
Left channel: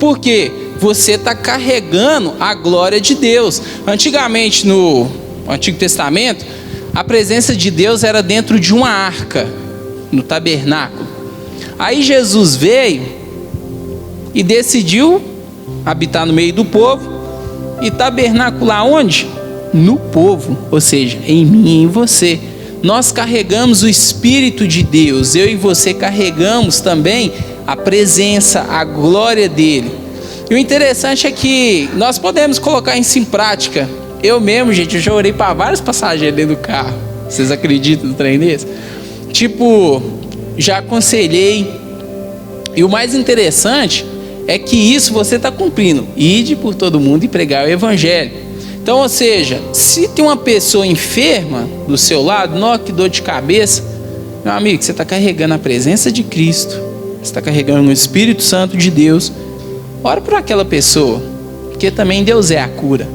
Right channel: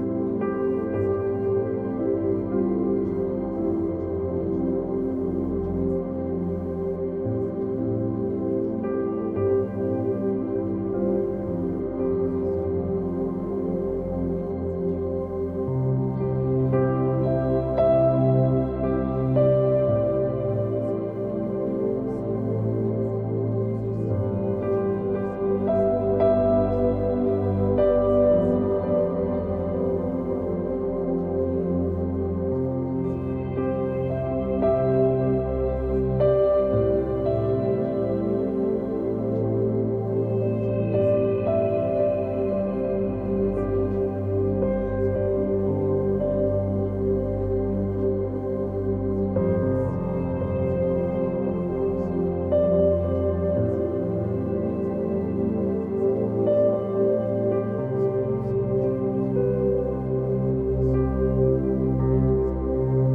Por quê? Você está carregando a glória de Deus. Antigamente, no Antigo Testamento, a presença de Deus era dentro de uma arca, no tabernáculo. Aí Jesus veio e decidiu habitar no meio do povo e tabernacular onde? No povo, ou seja, em mim e em você. Nós carregamos o Espírito de Deus. Eu e você carregamos também a presença, a glória dele. E o interessante é que nós podemos colocar isso em prática. Eu mesmo, gente, eu já orei para vários passageiros dentro do carro. Vocês acreditam no trem desse? Tipo, já aconselhei. E o mais interessante é que isso você está cumprindo. Ide por todo mundo e pregar o evangelho. Então, ou seja, se tem uma pessoa enferma do seu lado, não, que dor de cabeça, meu amigo, você está carregando a presença de Cristo, você está carregando o Espírito Santo de Deus. Ora por aquela pessoa, porque também Deus é a cura.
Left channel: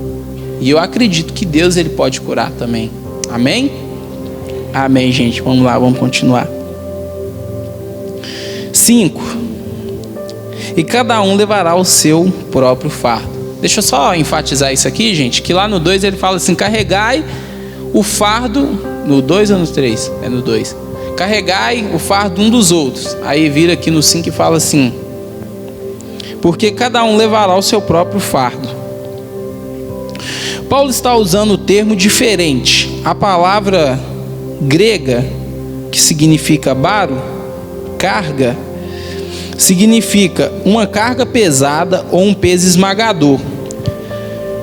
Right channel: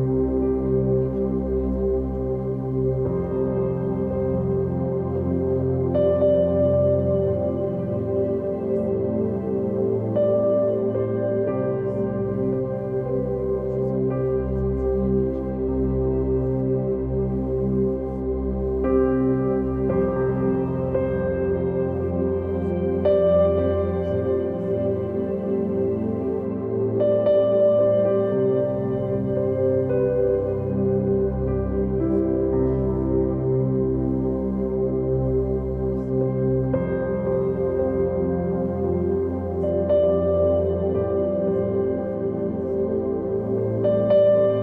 E eu acredito que Deus, ele pode curar também. Amém? Amém, gente. Vamos lá, vamos continuar. 5. E cada um levará o seu próprio fardo. Deixa eu só enfatizar isso aqui, gente, que lá no 2 ele fala assim: carregai o fardo. No 2 ou no 3? É no 2. Carregai o fardo um dos outros. Aí vira aqui no 5 e fala assim: porque cada um levará o seu próprio fardo. Paulo está usando o termo diferente. A palavra grega, que significa baro, carga, significa uma carga pesada ou um peso esmagador.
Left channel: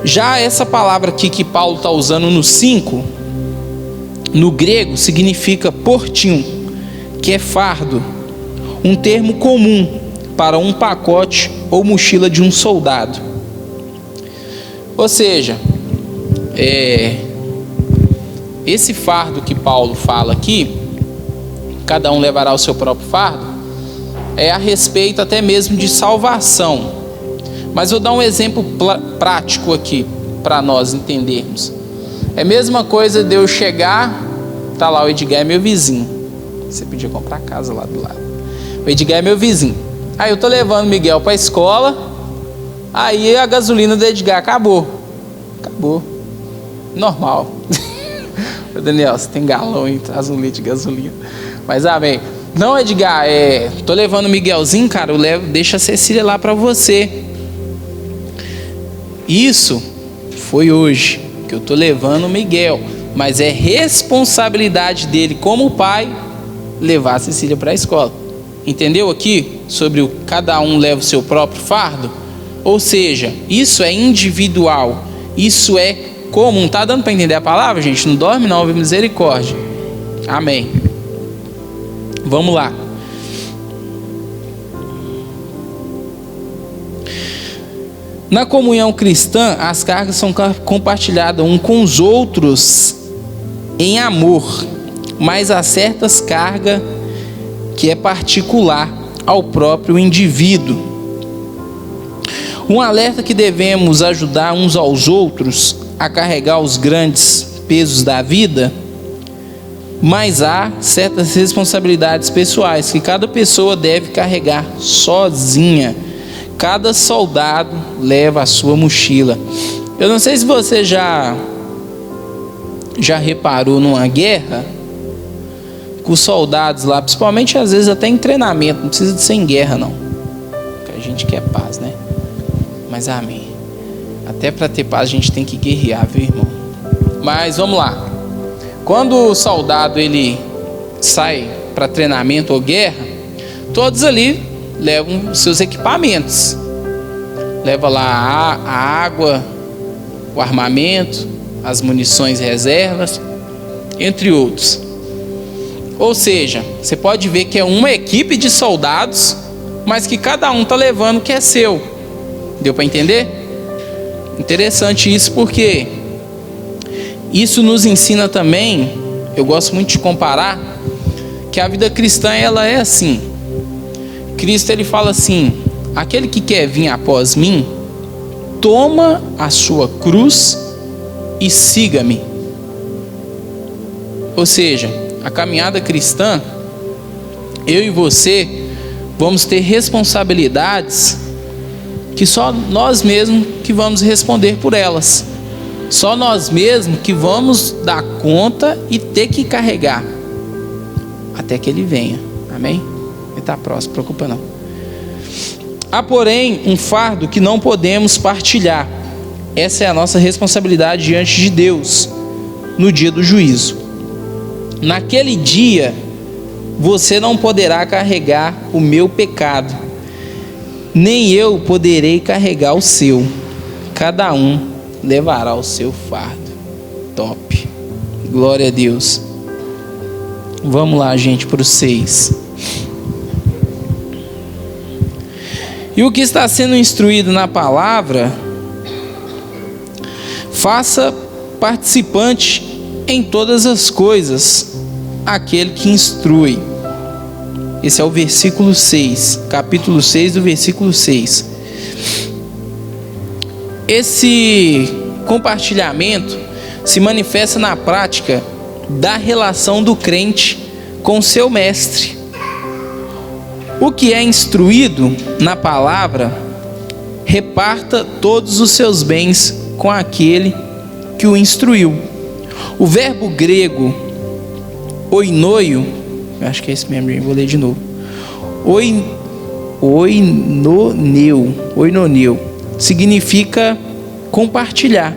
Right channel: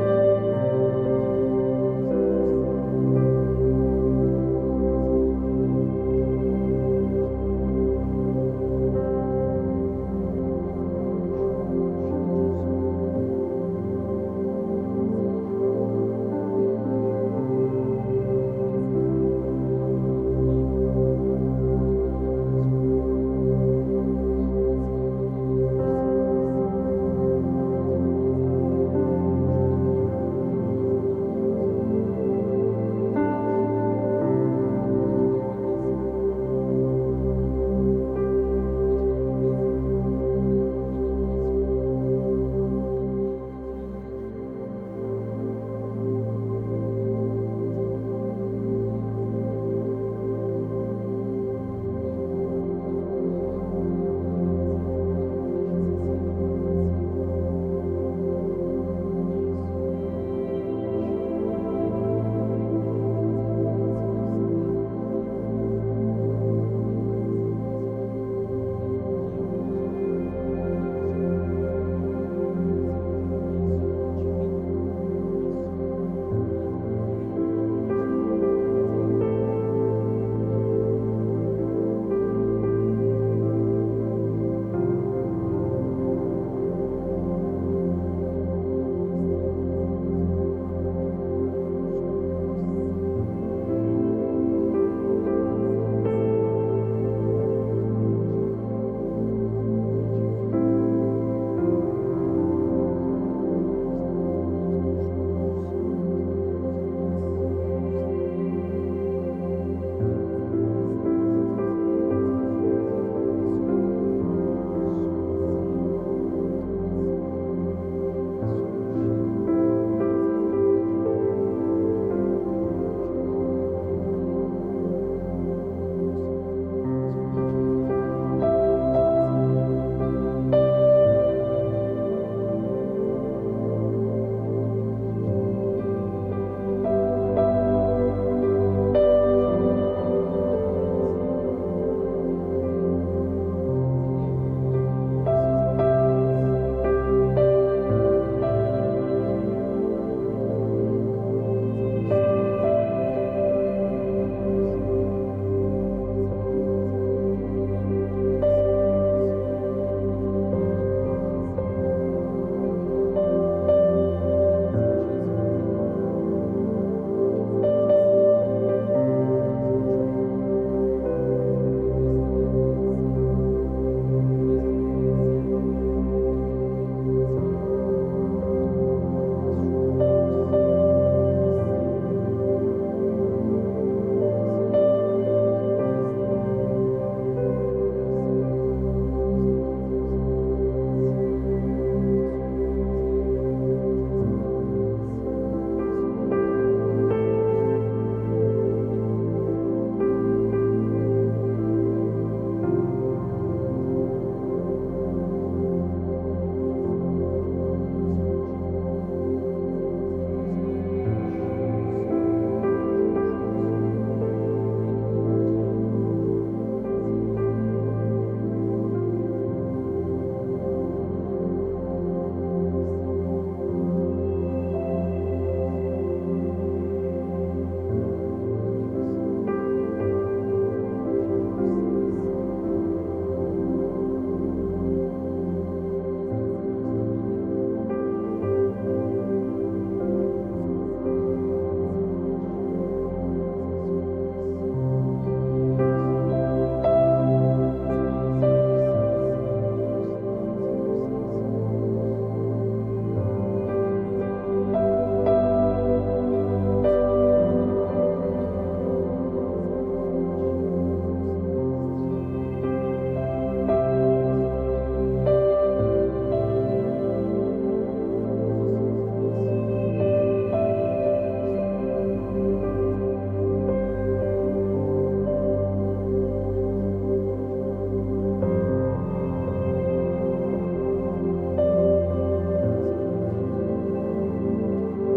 Já essa palavra aqui que Paulo está usando no 5, no grego, significa portinho, que é fardo, um termo comum para um pacote ou mochila de um soldado. Ou seja, esse fardo que Paulo fala aqui, cada um levará o seu próprio fardo, é a respeito até mesmo de salvação. Mas vou dar um exemplo prático aqui para nós entendermos. É a mesma coisa de eu chegar, tá lá, o Edgar é meu vizinho. Você podia comprar casa lá do lado. O Edgar é meu vizinho. Aí eu tô levando o Miguel para a escola. Aí a gasolina do Edgar acabou. Normal. Daniel, você tem galão aí, traz um litro de gasolina. Mas amém. Não, Edgar, tô levando o Miguelzinho, cara, deixa a Cecília lá para você. Isso foi hoje que eu tô levando o Miguel, mas é responsabilidade dele como pai levar a Cecília para a escola. Entendeu aqui sobre cada um leva o seu próprio fardo? Ou seja, isso é individual, isso é comum. Tá dando para entender a palavra, gente? Não dorme não, ouve misericórdia. Amém. Vamos lá. Na comunhão cristã, as cargas são compartilhadas uns com os outros em amor, mas há certas cargas que é particular ao próprio indivíduo. Um alerta que devemos ajudar uns aos outros a carregar os grandes pesos da vida, mas há certas responsabilidades pessoais que cada pessoa deve carregar sozinha. cada soldado leva a sua mochila. Eu não sei se você já reparou numa guerra, com os soldados lá, principalmente às vezes até em treinamento, não precisa de ser em guerra não, porque a gente quer paz, né? Mas amém, até para ter paz a gente tem que guerrear, viu, irmão? Mas vamos lá. Quando o soldado ele sai para treinamento ou guerra, todos ali levam seus equipamentos, leva lá a água, o armamento, as munições reservas, entre outros. Ou seja, você pode ver que é uma equipe de soldados, mas que cada um está levando o que é seu. Deu para entender? Interessante isso, porque isso nos ensina também, eu gosto muito de comparar, que a vida cristã ela é assim. Cristo ele fala assim: aquele que quer vir após mim, toma a sua cruz e siga-me. Ou seja, a caminhada cristã, eu e você vamos ter responsabilidades que só nós mesmos que vamos responder por elas. Só nós mesmos que vamos dar conta e ter que carregar até que ele venha. Amém? Ele está próximo, não se preocupa não. Há porém um fardo que não podemos partilhar. Essa é a nossa responsabilidade diante de Deus no dia do juízo. Naquele dia você não poderá carregar o meu pecado, nem eu poderei carregar o seu. Cada um levará o seu fardo. Top. Glória a Deus. Vamos lá, gente, para o 6. E o que está sendo instruído na palavra, faça participante em todas as coisas aquele que instrui. Esse é o versículo 6, capítulo 6 do versículo 6. Esse compartilhamento se manifesta na prática da relação do crente com seu mestre. O que é instruído na palavra, reparta todos os seus bens com aquele que o instruiu. O verbo grego oinoio, acho que é esse mesmo, vou ler de novo. Oinoneu significa compartilhar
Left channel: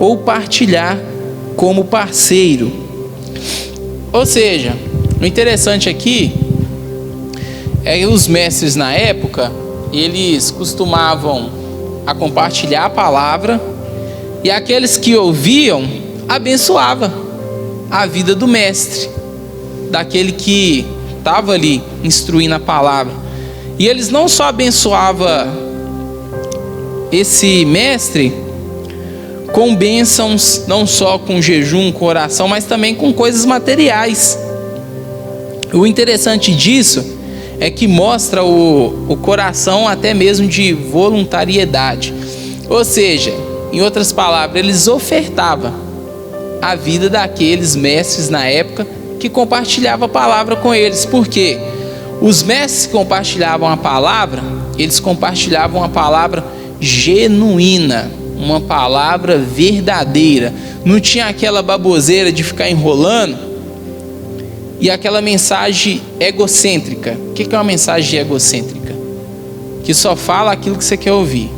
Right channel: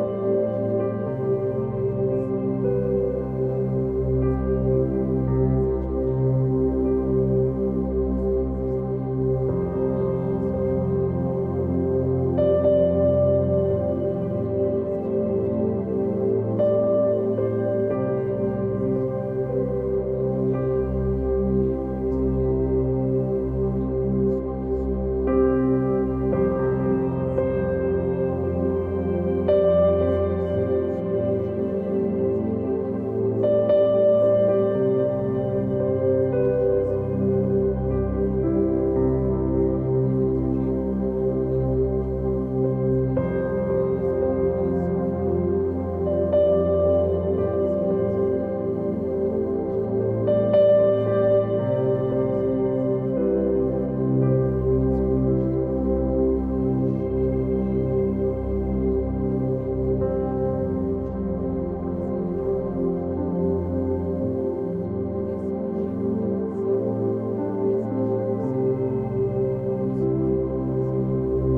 ou partilhar como parceiro. Ou seja, o interessante aqui é que os mestres na época, eles costumavam a compartilhar a palavra, e aqueles que ouviam abençoava a vida do mestre, daquele que estava ali instruindo a palavra. E eles não só abençoavam esse mestre com bênçãos, não só com jejum, com oração, mas também com coisas materiais. O interessante disso é que mostra o coração até mesmo de voluntariedade. Ou seja, em outras palavras, eles ofertavam a vida daqueles mestres na época que compartilhavam a palavra com eles. Porque os mestres que compartilhavam a palavra, eles compartilhavam a palavra genuína, uma palavra verdadeira. Não tinha aquela baboseira de ficar enrolando e aquela mensagem egocêntrica. O que é uma mensagem egocêntrica? Que só fala aquilo que você quer ouvir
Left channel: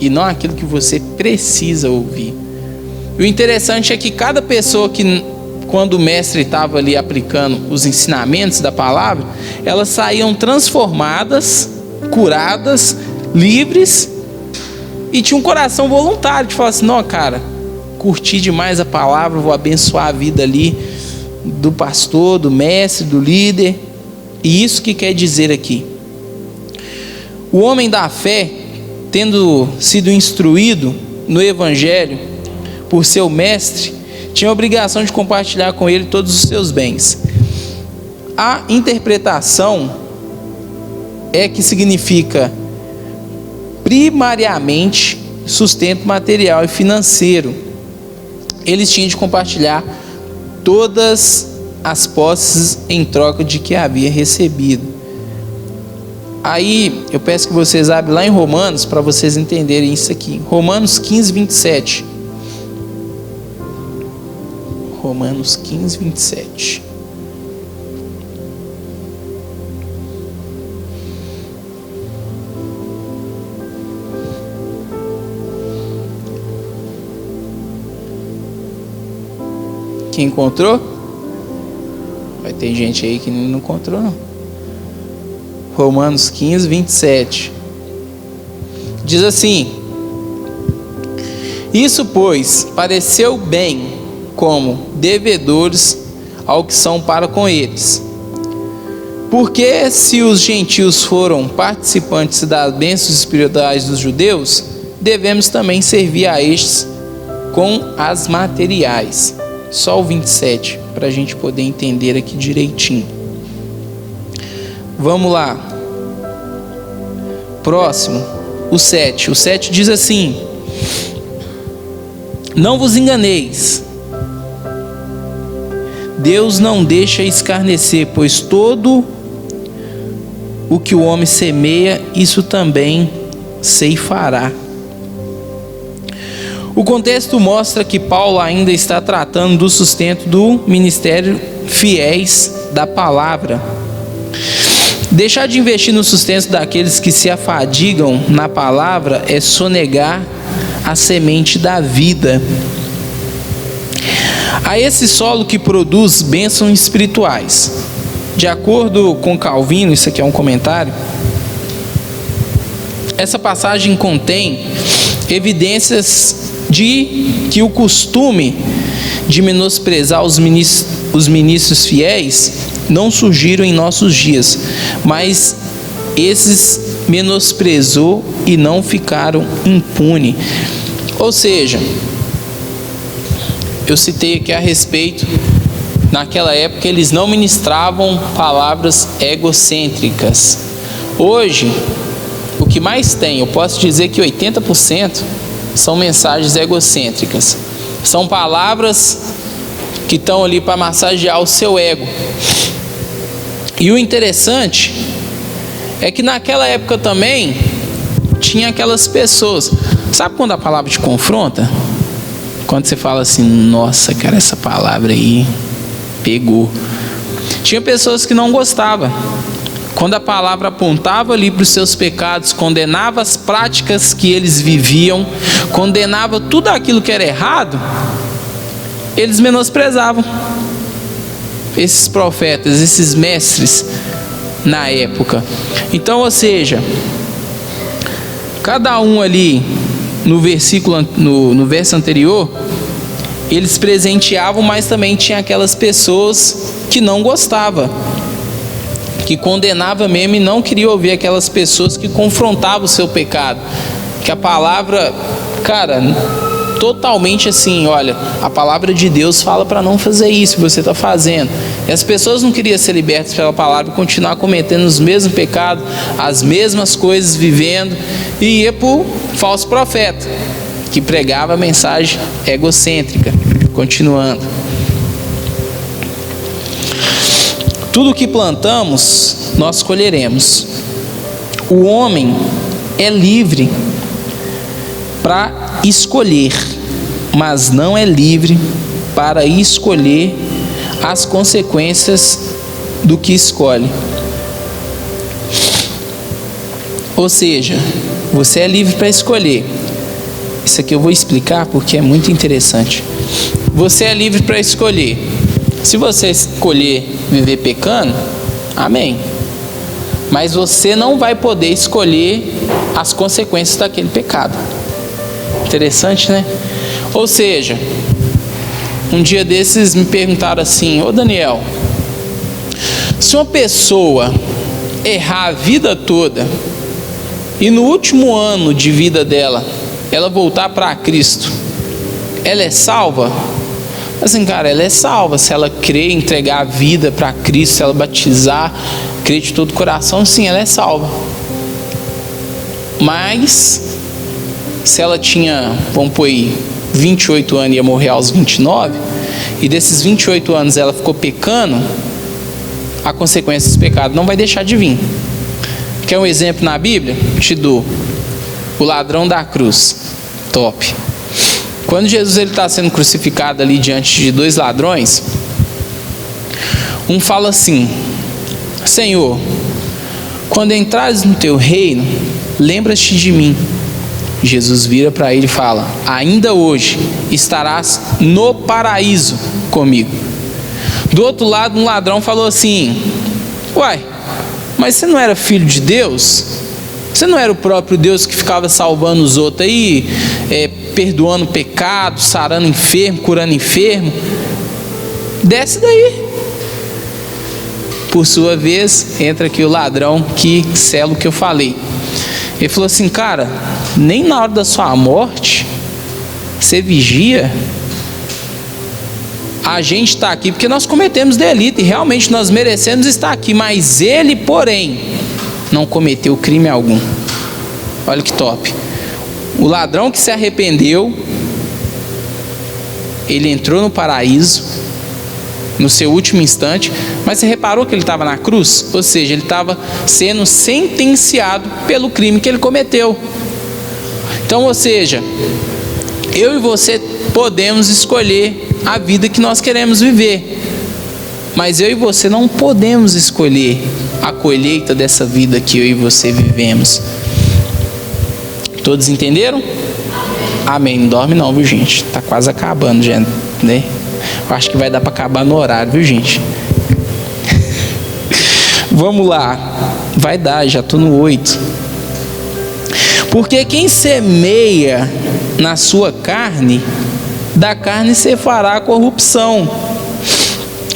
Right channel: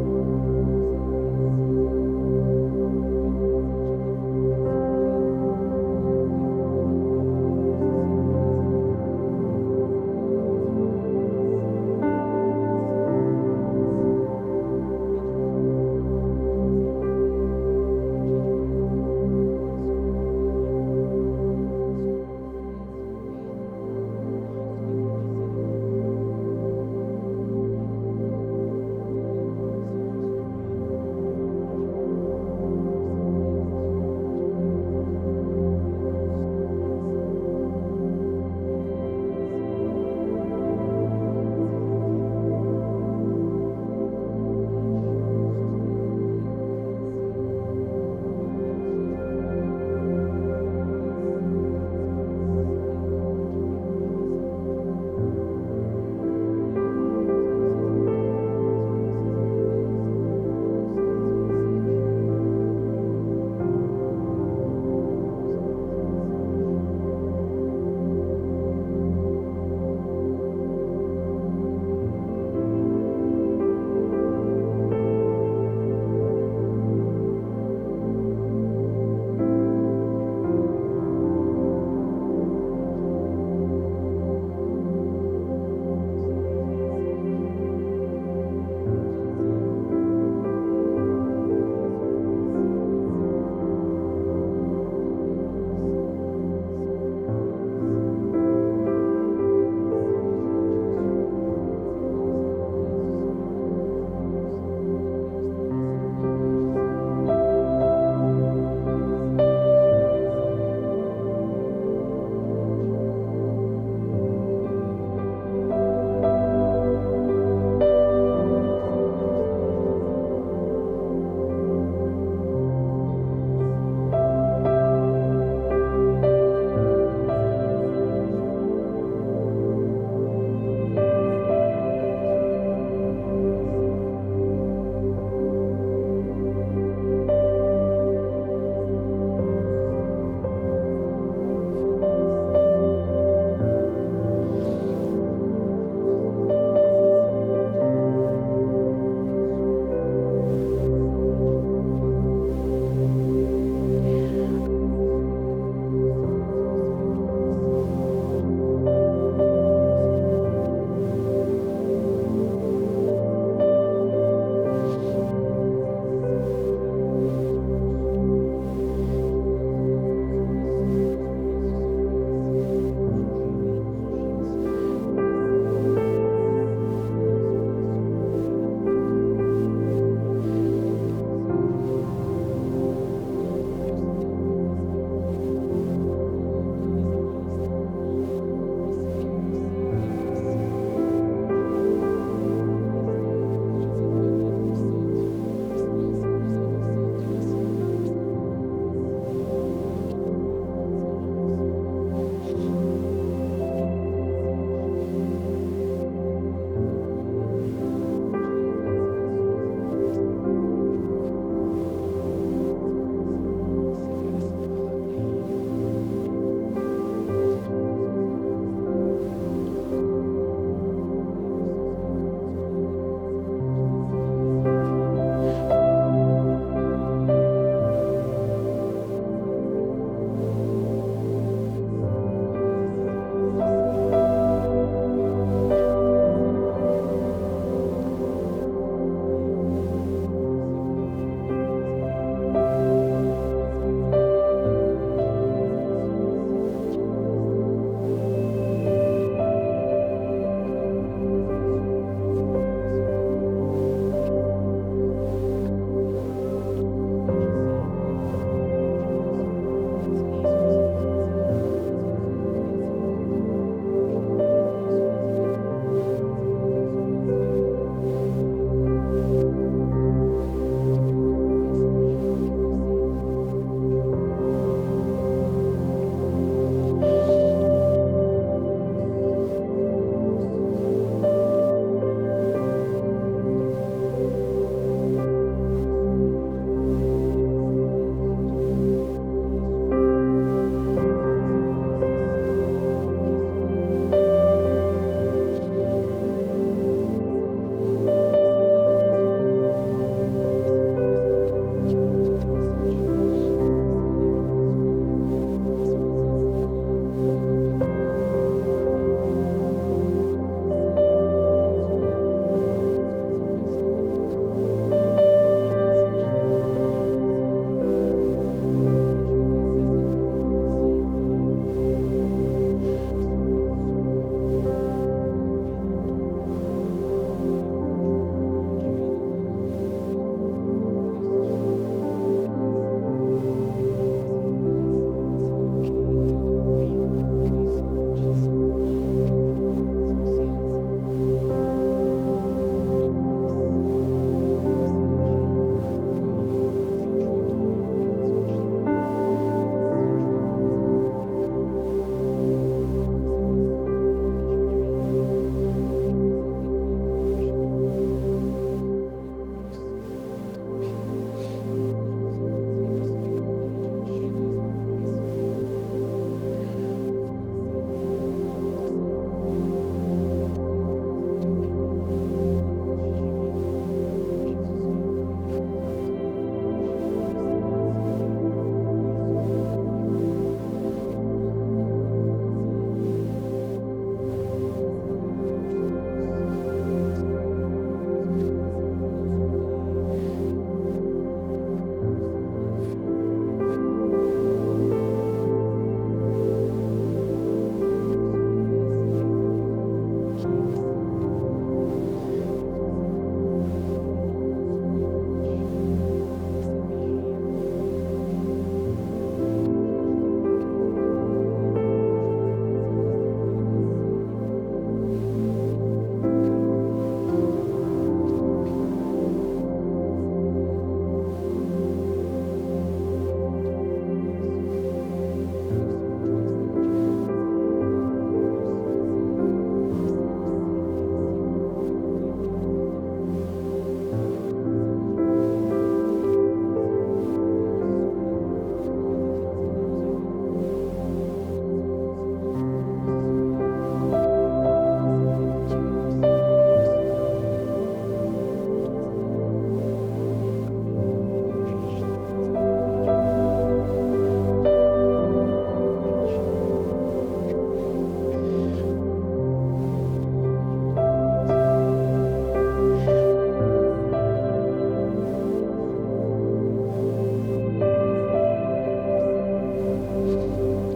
e não aquilo que você precisa ouvir. E o interessante é que cada pessoa que, quando o mestre estava ali aplicando os ensinamentos da palavra, elas saíam transformadas, curadas, livres, e tinha um coração voluntário de falar assim: não, cara, curti demais a palavra, vou abençoar a vida ali do pastor, do mestre, do líder. E isso que quer dizer aqui: o homem da fé, tendo sido instruído no evangelho por seu mestre, tinha a obrigação de compartilhar com ele todos os seus bens. A interpretação é que significa primariamente sustento material e financeiro. Eles tinham de compartilhar todas as posses em troca de que havia recebido. Aí eu peço que vocês abrem lá em Romanos para vocês entenderem isso aqui. Romanos 15, 27. Romanos 15, 27. Quem encontrou? Vai ter gente aí que não encontrou, não. Romanos 15, 27. Diz assim: isso, pois, pareceu bem como devedores ao que são para com eles. Porque se os gentios foram participantes das bênçãos espirituais dos judeus, devemos também servir a estes com as materiais. Só o 27, para a gente poder entender aqui direitinho. Vamos lá. Próximo, o 7. O 7 diz assim: não vos enganeis, Deus não deixa escarnecer, pois todo o que o homem semeia, isso também ceifará. O contexto mostra que Paulo ainda está tratando do sustento do ministério fiéis da palavra. Deixar de investir no sustento daqueles que se afadigam na palavra é sonegar a semente da vida a esse solo que produz bênçãos espirituais. De acordo com Calvino, isso aqui é um comentário, essa passagem contém evidências de que o costume de menosprezar os ministros fiéis não surgiram em nossos dias, mas esses menosprezou e não ficaram impunes. Ou seja, eu citei aqui a respeito, naquela época eles não ministravam palavras egocêntricas. Hoje, o que mais tem, eu posso dizer que 80% são mensagens egocêntricas. São palavras que estão ali para massagear o seu ego. E o interessante é que naquela época também tinha aquelas pessoas. Sabe quando a palavra te confronta? Quando você fala assim: nossa, cara, essa palavra aí pegou. Tinha pessoas que não gostavam. Quando a palavra apontava ali para os seus pecados, condenava as práticas que eles viviam, condenava tudo aquilo que era errado, eles menosprezavam esses profetas, esses mestres na época. Então, ou seja, cada um ali no versículo, no verso anterior, eles presenteavam, mas também tinha aquelas pessoas que não gostavam, que condenava mesmo e não queria ouvir aquelas pessoas que confrontavam o seu pecado. Que a palavra, cara, totalmente assim, olha, a palavra de Deus fala para não fazer isso que você está fazendo. E as pessoas não queriam ser libertas pela palavra e continuar cometendo os mesmos pecados, as mesmas coisas, vivendo, e ia para o falso profeta, que pregava a mensagem egocêntrica. Continuando. Tudo que plantamos, nós colheremos. O homem é livre para escolher, mas não é livre para escolher as consequências do que escolhe. Ou seja, você é livre para escolher. Isso aqui eu vou explicar porque é muito interessante. Você é livre para escolher. Se você escolher viver pecando, amém. Mas você não vai poder escolher as consequências daquele pecado. Interessante, né? Ou seja, um dia desses me perguntaram assim: ô Daniel, se uma pessoa errar a vida toda e no último ano de vida dela ela voltar para Cristo, ela é salva? Assim, cara, ela é salva se ela crer, entregar a vida para Cristo, se ela batizar, crer de todo o coração, sim, ela é salva. Mas se ela tinha, vamos pôr aí, 28 anos e ia morrer aos 29, e desses 28 anos ela ficou pecando, a consequência desse pecado não vai deixar de vir. Quer um exemplo na Bíblia? Te dou. O ladrão da cruz. Top. Quando Jesus está sendo crucificado ali diante de dois ladrões, um fala assim: Senhor, quando entrares no teu reino, lembra-te de mim. Jesus vira para ele e fala: ainda hoje estarás no paraíso comigo. Do outro lado, um ladrão falou assim: uai, mas você não era filho de Deus? Você não era o próprio Deus que ficava salvando os outros aí, perdoando pecado, sarando enfermo, curando enfermo? Desce daí. Por sua vez, entra aqui o ladrão que sela o que eu falei. Ele falou assim: cara, nem na hora da sua morte você vigia. A gente está aqui porque nós cometemos delito e realmente nós merecemos estar aqui, mas ele, porém, não cometeu crime algum. Olha que top. O ladrão que se arrependeu, ele entrou no paraíso no seu último instante, mas você reparou que ele estava na cruz? Ou seja, ele estava sendo sentenciado pelo crime que ele cometeu. Então, ou seja, eu e você podemos escolher a vida que nós queremos viver, mas eu e você não podemos escolher a colheita dessa vida que eu e você vivemos. Todos entenderam? Amém. Não dorme não, viu, gente? Tá quase acabando já, né? Eu acho que vai dar para acabar no horário, viu, gente? Vamos lá. Vai dar, já tô no 8. Porque quem semeia na sua carne, da carne se fará corrupção.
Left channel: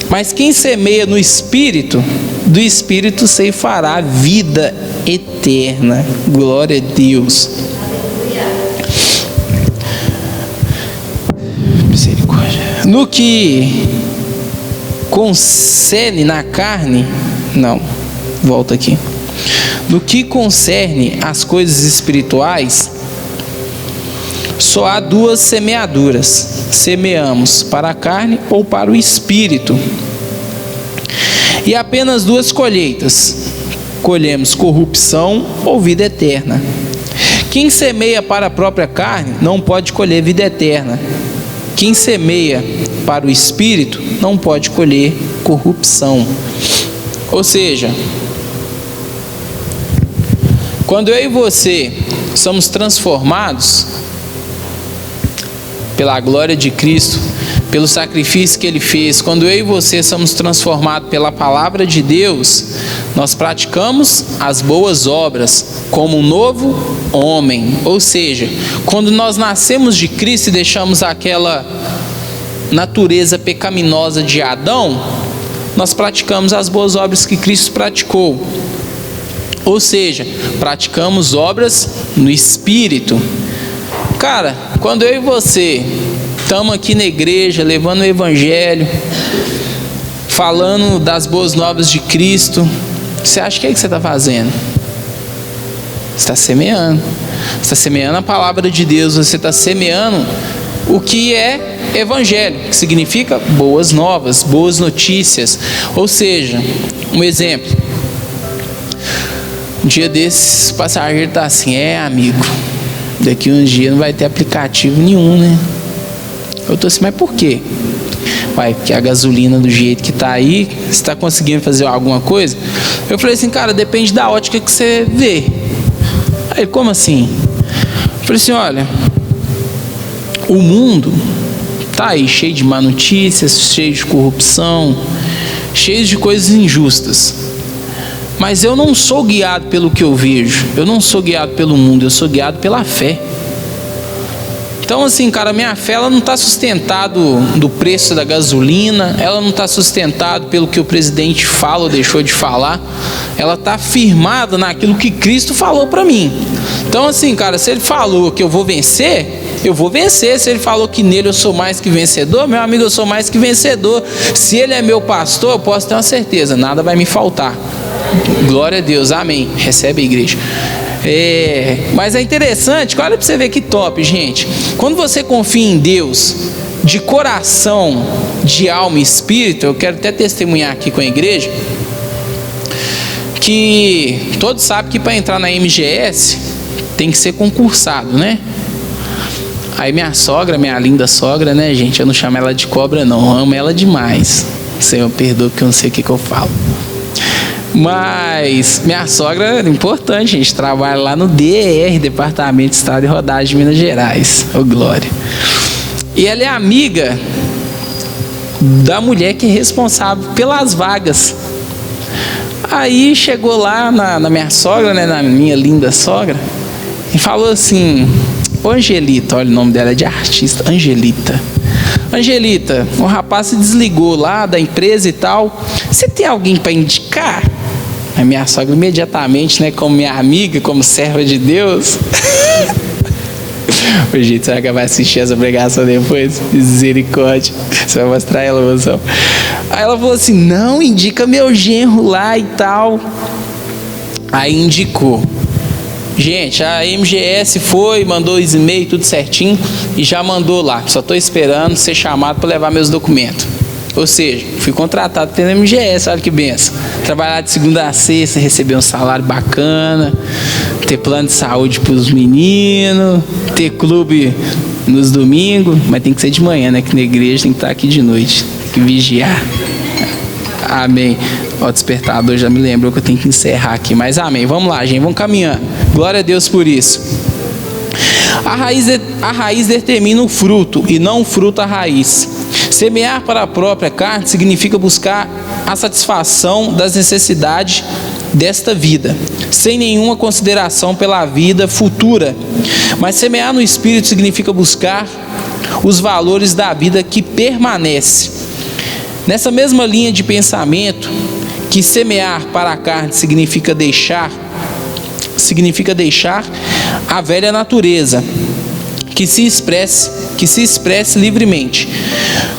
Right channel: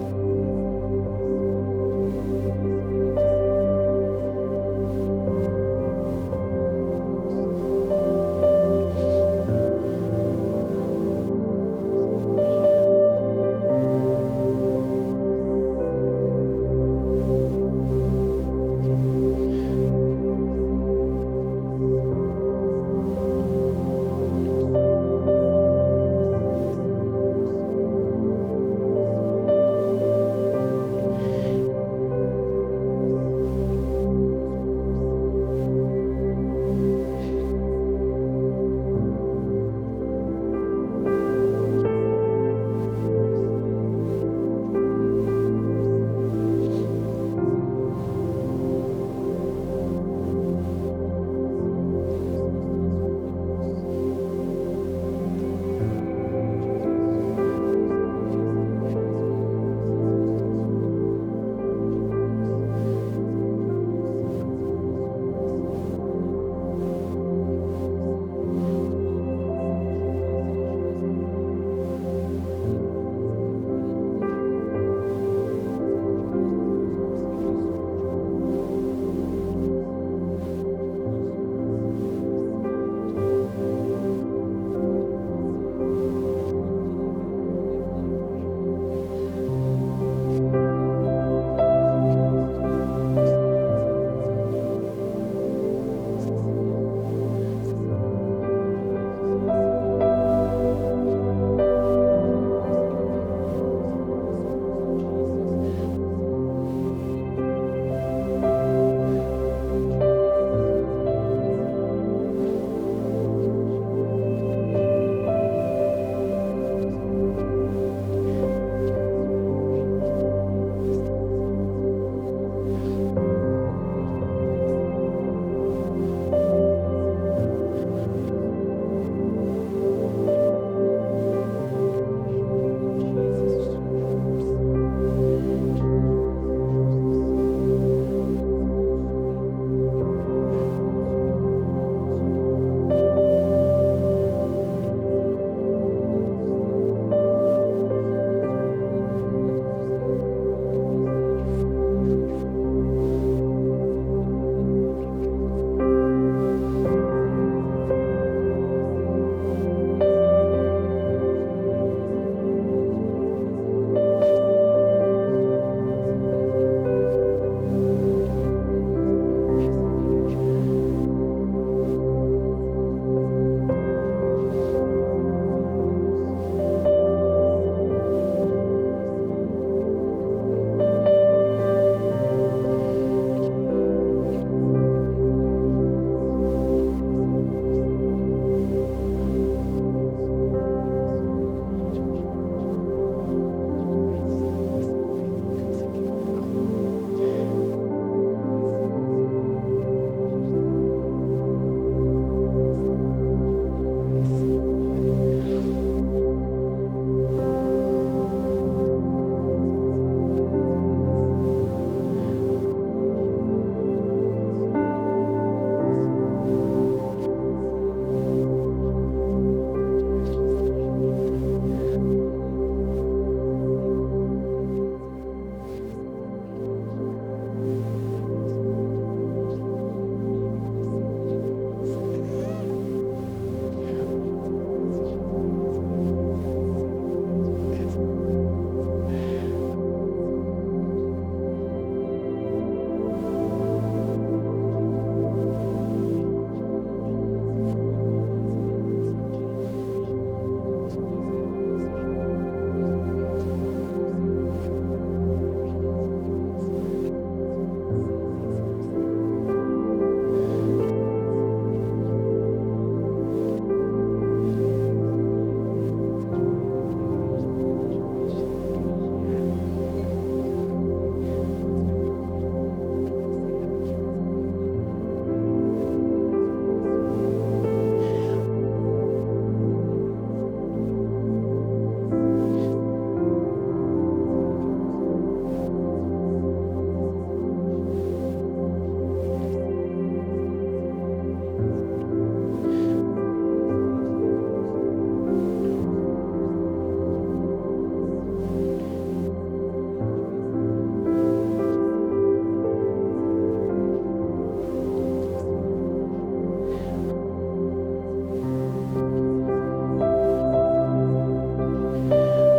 Mas quem semeia no Espírito, do Espírito se fará vida eterna. Glória a Deus. Misericórdia. No que concerne na carne, não, volta aqui. No que concerne as coisas espirituais, só há duas semeaduras: semeamos para a carne ou para o espírito. E apenas duas colheitas: colhemos corrupção ou vida eterna. Quem semeia para a própria carne não pode colher vida eterna. Quem semeia para o espírito não pode colher corrupção. Ou seja, quando eu e você somos transformados pela glória de Cristo, pelo sacrifício que Ele fez, quando eu e você somos transformados pela palavra de Deus, nós praticamos as boas obras como um novo homem. Ou seja, quando nós nascemos de Cristo e deixamos aquela natureza pecaminosa de Adão, nós praticamos as boas obras que Cristo praticou. Ou seja, praticamos obras no Espírito. Cara, quando eu e você estamos aqui na igreja, levando o Evangelho, falando das boas novas de Cristo, você acha que é que você está fazendo? Você está semeando. Você está semeando a palavra de Deus, você está semeando o que é Evangelho, que significa boas novas, boas notícias. Ou seja, um exemplo. Um dia desses, o passageiro está assim: amigo, daqui uns dias não vai ter aplicativo nenhum, né? Eu tô assim: mas por quê? Vai, porque a gasolina do jeito que tá aí, você está conseguindo fazer alguma coisa? Eu falei assim: cara, depende da ótica que você vê. Aí ele: como assim? Eu falei assim: olha, o mundo tá aí cheio de má notícias, cheio de corrupção, cheio de coisas injustas. Mas eu não sou guiado pelo que eu vejo, eu não sou guiado pelo mundo, eu sou guiado pela fé. Então assim, cara, minha fé ela não está sustentada do preço da gasolina, ela não está sustentada pelo que o presidente fala ou deixou de falar, ela está firmada naquilo que Cristo falou para mim. Então assim, cara, se ele falou que eu vou vencer, eu vou vencer. Se ele falou que nele eu sou mais que vencedor, meu amigo, eu sou mais que vencedor. Se ele é meu pastor, eu posso ter uma certeza, nada vai me faltar. Glória a Deus, amém. Recebe a igreja. Mas é interessante, olha para você ver que top, gente. Quando você confia em Deus de coração, de alma e espírito, eu quero até testemunhar aqui com a igreja, que que todos sabem que para entrar na MGS tem que ser concursado, né? Aí minha sogra, minha linda sogra, né, gente? Eu não chamo ela de cobra, não. Eu amo ela demais. Senhor, perdoa que eu não sei o que eu falo. Mas minha sogra é importante, gente. Trabalha lá no DER, Departamento de Estado de Rodagem de Minas Gerais. Ô, glória. E ela é amiga da mulher que é responsável pelas vagas. Aí chegou lá na minha sogra, né, na minha linda sogra, e falou assim: ô Angelita, olha o nome dela é de artista, Angelita. Angelita, o rapaz se desligou lá da empresa e tal. Você tem alguém para indicar? A minha sogra imediatamente, né, como minha amiga, como serva de Deus. Ô, gente, será que ela vai assistir essa pregação depois? Misericórdia. Você vai mostrar ela, moção. Aí ela falou assim: não, indica meu genro lá e tal. Aí indicou. Gente, a MGS foi, mandou os e-mails, tudo certinho, e já mandou lá. Só estou esperando ser chamado para levar meus documentos. Ou seja, fui contratado pela MGS, olha que benção. Trabalhar de segunda a sexta, receber um salário bacana, ter plano de saúde para os meninos, ter clube nos domingos, mas tem que ser de manhã, né? Que na igreja tem que estar aqui de noite, tem que vigiar. Amém. O despertador já me lembrou que eu tenho que encerrar aqui, mas amém. Vamos lá, gente, vamos caminhando. Glória a Deus por isso. A raiz determina o fruto e não o fruto a raiz. Semear para a própria carne significa buscar a satisfação das necessidades desta vida, sem nenhuma consideração pela vida futura. Mas semear no Espírito significa buscar os valores da vida que permanece. Nessa mesma linha de pensamento, que semear para a carne significa deixar a velha natureza, que se expresse livremente.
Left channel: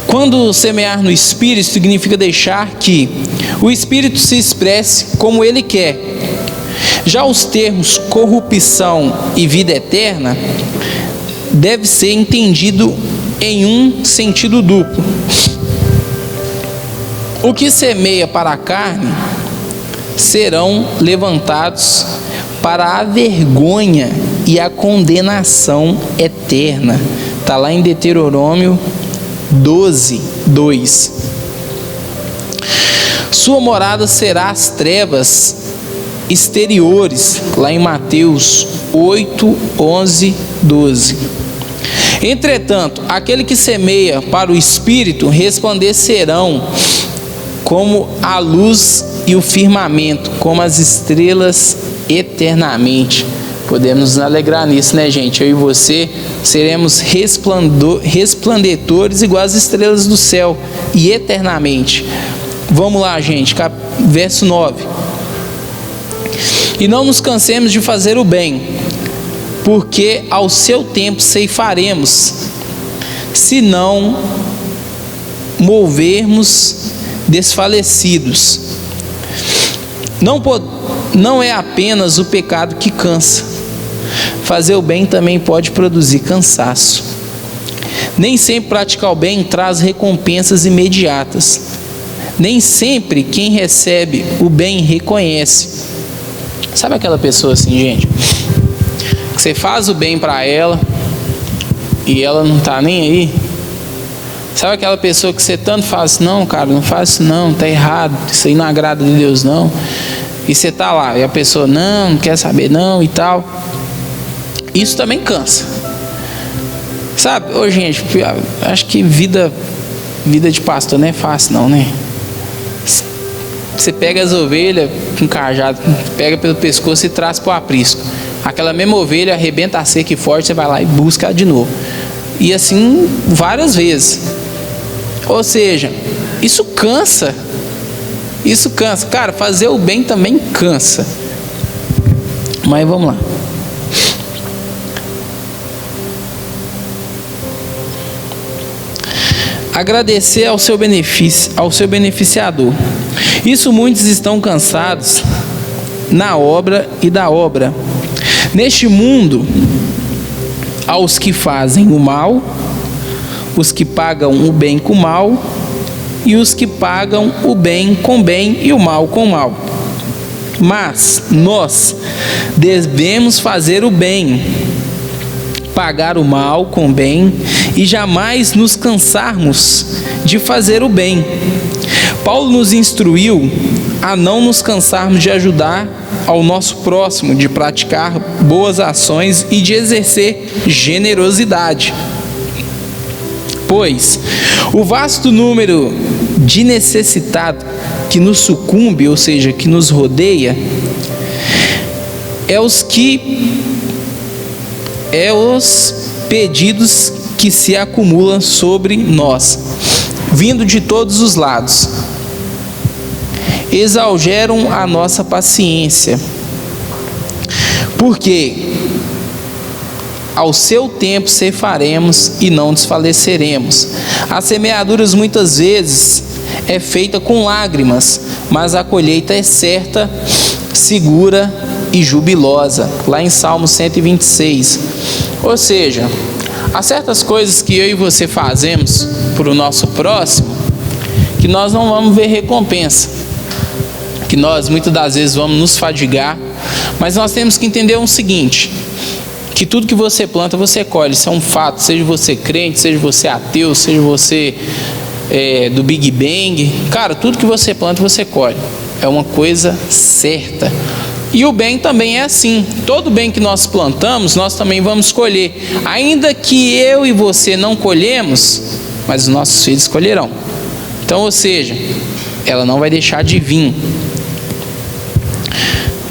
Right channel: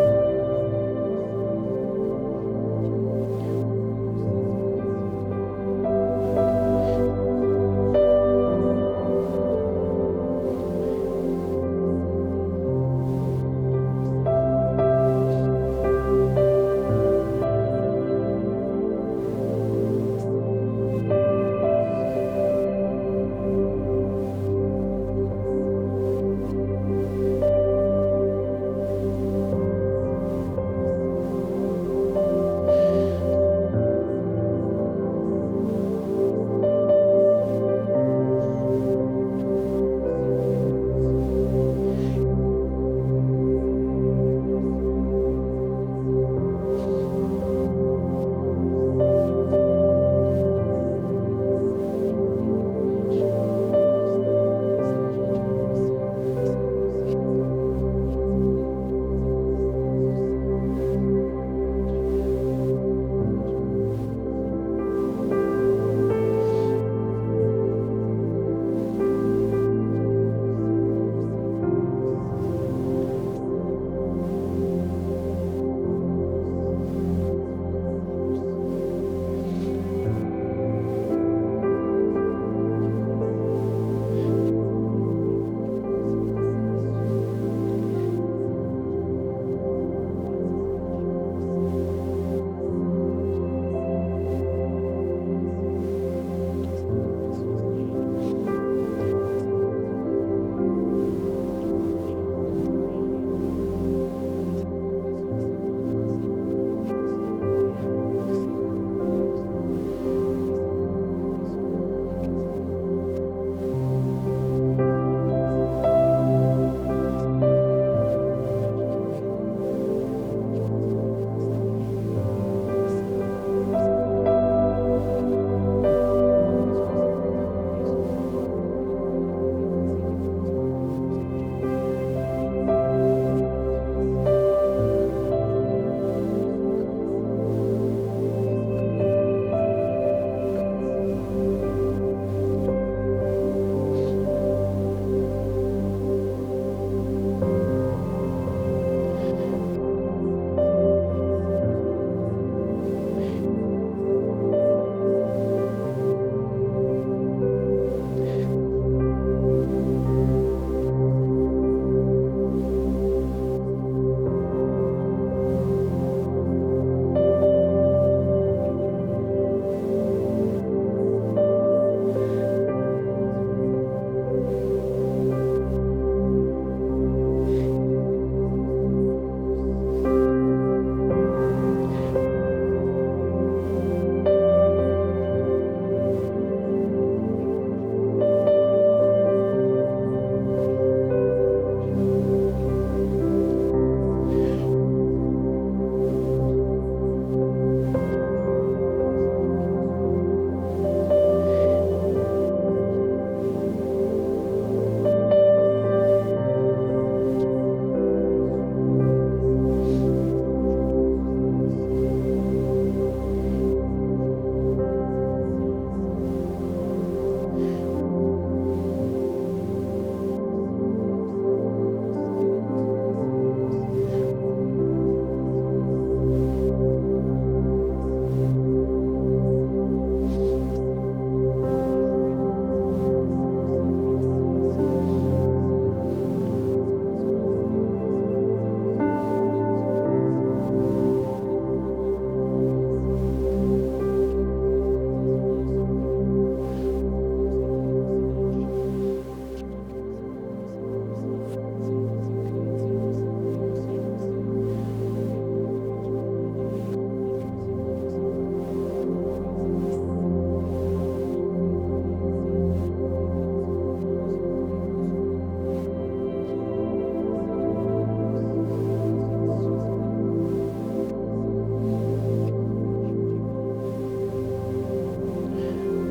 Quando semear no Espírito significa deixar que o Espírito se expresse como ele quer. Já os termos corrupção e vida eterna deve ser entendido em um sentido duplo. O que semeia para a carne serão levantados para a vergonha e a condenação eterna. Está lá em Deuteronômio 12:2. Sua morada será as trevas exteriores, lá em Mateus 8:11-12. Entretanto, aquele que semeia para o Espírito resplandecerão como a luz e o firmamento, como as estrelas eternamente. Podemos nos alegrar nisso, né, gente? Eu e você seremos resplandecedores igual as estrelas do céu e eternamente. Vamos lá, gente, verso 9. E não nos cansemos de fazer o bem, porque ao seu tempo ceifaremos, se não movermos desfalecidos. Não é apenas o pecado que cansa. Fazer o bem também pode produzir cansaço. Nem sempre praticar o bem traz recompensas imediatas. Nem sempre quem recebe o bem reconhece. Sabe aquela pessoa assim, gente, que você faz o bem para ela e ela não tá nem aí? Sabe aquela pessoa que você tanto faz: não, cara, não faz isso não, tá errado, isso aí não agrada de Deus não. E você tá lá e a pessoa não quer saber não e tal. Isso também cansa. Sabe, ô gente, acho que vida de pastor não é fácil não, né? Você pega as ovelhas com cajado, pega pelo pescoço e traz para o aprisco. Aquela mesma ovelha arrebenta a cerca forte, você vai lá e busca ela de novo. E assim várias vezes. Ou seja, isso cansa. Isso cansa. Cara, fazer o bem também cansa. Mas vamos lá. Agradecer ao seu beneficiador. Isso muitos estão cansados na obra e da obra. Neste mundo, aos que fazem o mal, os que pagam o bem com o mal, e os que pagam o bem com bem e o mal com o mal. Mas nós devemos fazer o bem, pagar o mal com o bem e jamais nos cansarmos de fazer o bem. Paulo nos instruiu a não nos cansarmos de ajudar ao nosso próximo, de praticar boas ações e de exercer generosidade. Pois o vasto número de necessitados que nos sucumbe, ou seja, que nos rodeia, é os pedidos que se acumulam sobre nós, vindo de todos os lados, exageram a nossa paciência, porque ao seu tempo ceifaremos e não desfaleceremos. As semeaduras muitas vezes é feita com lágrimas, mas a colheita é certa, segura e jubilosa, lá em Salmo 126. Ou seja, há certas coisas que eu e você fazemos para o nosso próximo, que nós não vamos ver recompensa, que nós muitas das vezes vamos nos fadigar, mas nós temos que entender o seguinte, que tudo que você planta você colhe, isso é um fato, seja você crente, seja você ateu, seja você do Big Bang, cara, tudo que você planta você colhe, é uma coisa certa. E o bem também é assim, todo bem que nós plantamos, nós também vamos colher, ainda que eu e você não colhemos, mas os nossos filhos colherão. Então, ou seja, ela não vai deixar de vir.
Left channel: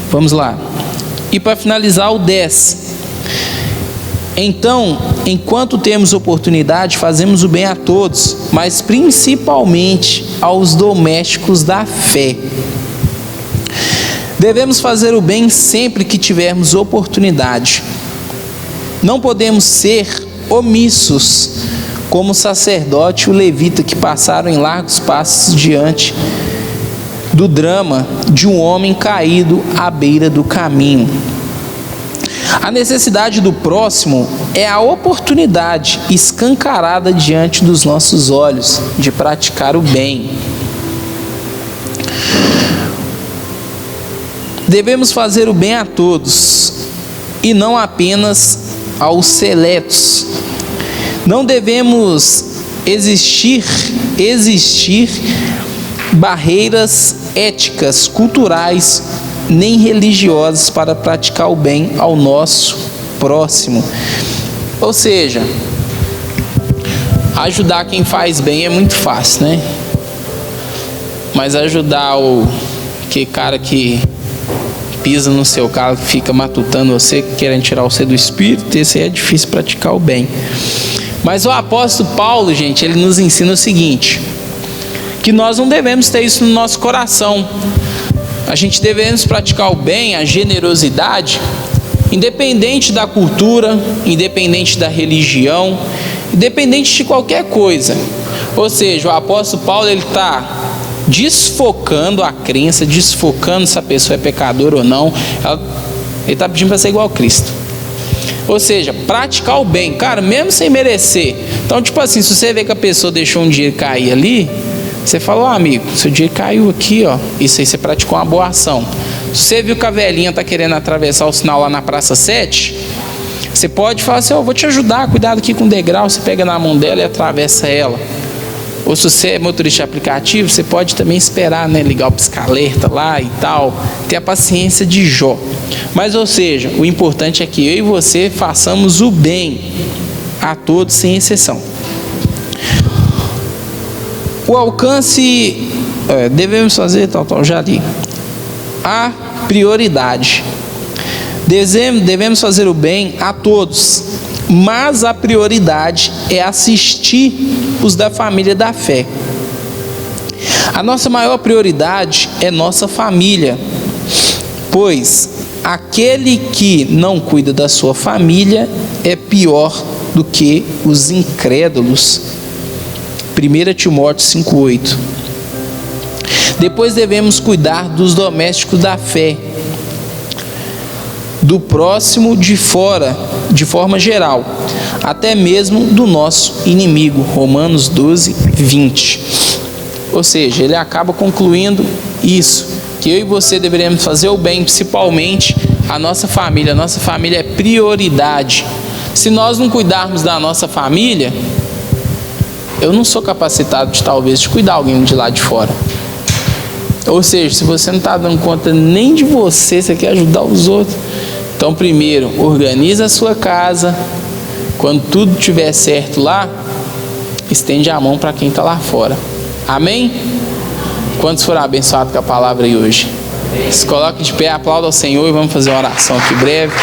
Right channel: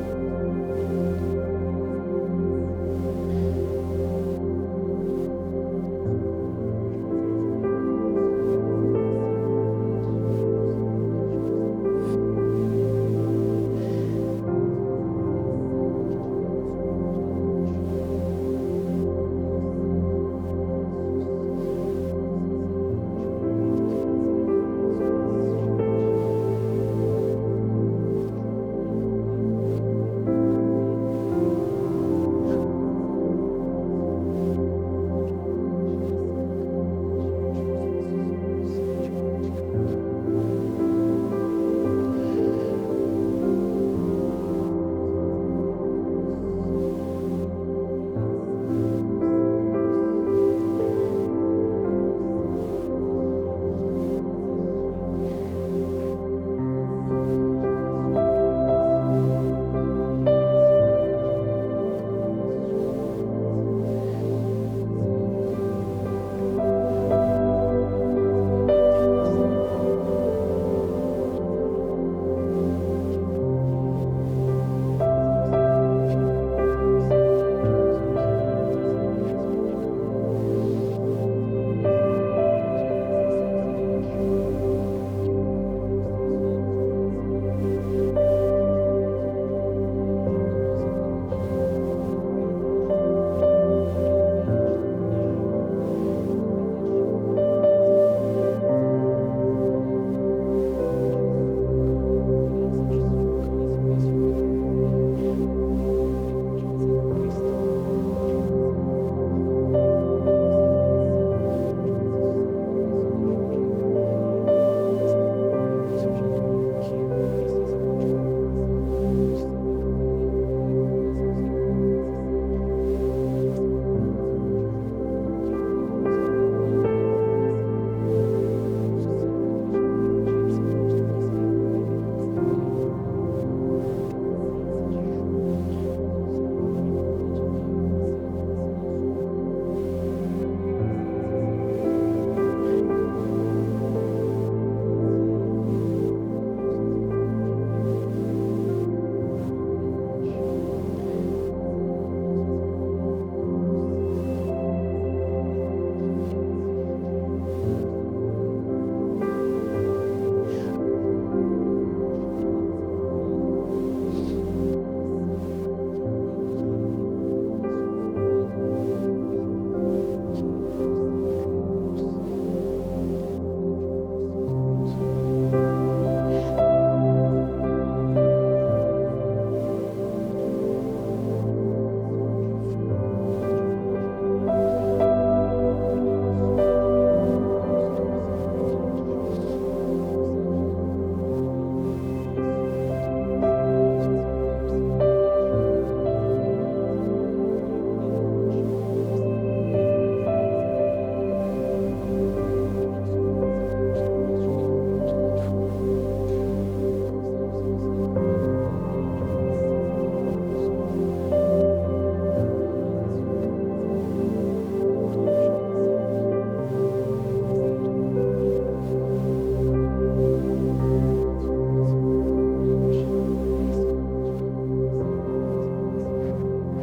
Vamos lá. E para finalizar, o 10. Então, enquanto temos oportunidade, fazemos o bem a todos, mas principalmente aos domésticos da fé. Devemos fazer o bem sempre que tivermos oportunidade. Não podemos ser omissos, como o sacerdote e o levita, que passaram em largos passos diante do drama de um homem caído à beira do caminho. A necessidade do próximo é a oportunidade escancarada diante dos nossos olhos de praticar o bem. Devemos fazer o bem a todos e não apenas aos seletos. Não devemos existir barreiras éticas, culturais, nem religiosas para praticar o bem ao nosso próximo. Ou seja, ajudar quem faz bem é muito fácil, né? Mas ajudar que cara que pisa no seu carro, fica matutando você, querendo tirar você do espírito, esse aí é difícil praticar o bem. Mas o apóstolo Paulo, gente, ele nos ensina o seguinte, que nós não devemos ter isso no nosso coração. A gente devemos praticar o bem, a generosidade, independente da cultura, independente da religião, independente de qualquer coisa. Ou seja, o apóstolo Paulo, ele está desfocando a crença, desfocando se a pessoa é pecadora ou não. Ele está pedindo para ser igual a Cristo. Ou seja, praticar o bem, cara, mesmo sem merecer. Então, tipo assim, se você vê que a pessoa deixou um dinheiro cair ali, você fala, ó, amigo, seu dinheiro caiu aqui, ó. Isso aí você praticou uma boa ação. Se você viu que a velhinha está querendo atravessar o sinal lá na Praça 7, você pode falar assim, ó, vou te ajudar, cuidado aqui com o degrau. Você pega na mão dela e atravessa ela. Ou se você é motorista de aplicativo, você pode também esperar, né, ligar o pisca-alerta lá e tal, ter a paciência de Jó. Mas, ou seja, o importante é que eu e você façamos o bem a todos, sem exceção. O alcance, devemos fazer, já li. A prioridade. Devemos fazer o bem a todos, mas a prioridade é assistir os da família da fé. A nossa maior prioridade é nossa família, pois aquele que não cuida da sua família é pior do que os incrédulos. 1 Timóteo 5,8. Depois devemos cuidar dos domésticos da fé, do próximo de fora, de forma geral, até mesmo do nosso inimigo. Romanos 12, 20. Ou seja, ele acaba concluindo isso, que eu e você deveríamos fazer o bem, principalmente a nossa família. A nossa família é prioridade. Se nós não cuidarmos da nossa família, eu não sou capacitado de talvez de cuidar alguém de lá de fora. Ou seja, se você não está dando conta nem de você, você quer ajudar os outros. Então, primeiro, organiza a sua casa. Quando tudo estiver certo lá, estende a mão para quem está lá fora. Amém? Quantos foram abençoados com a palavra aí hoje? Se coloque de pé, aplauda ao Senhor e vamos fazer uma oração aqui breve.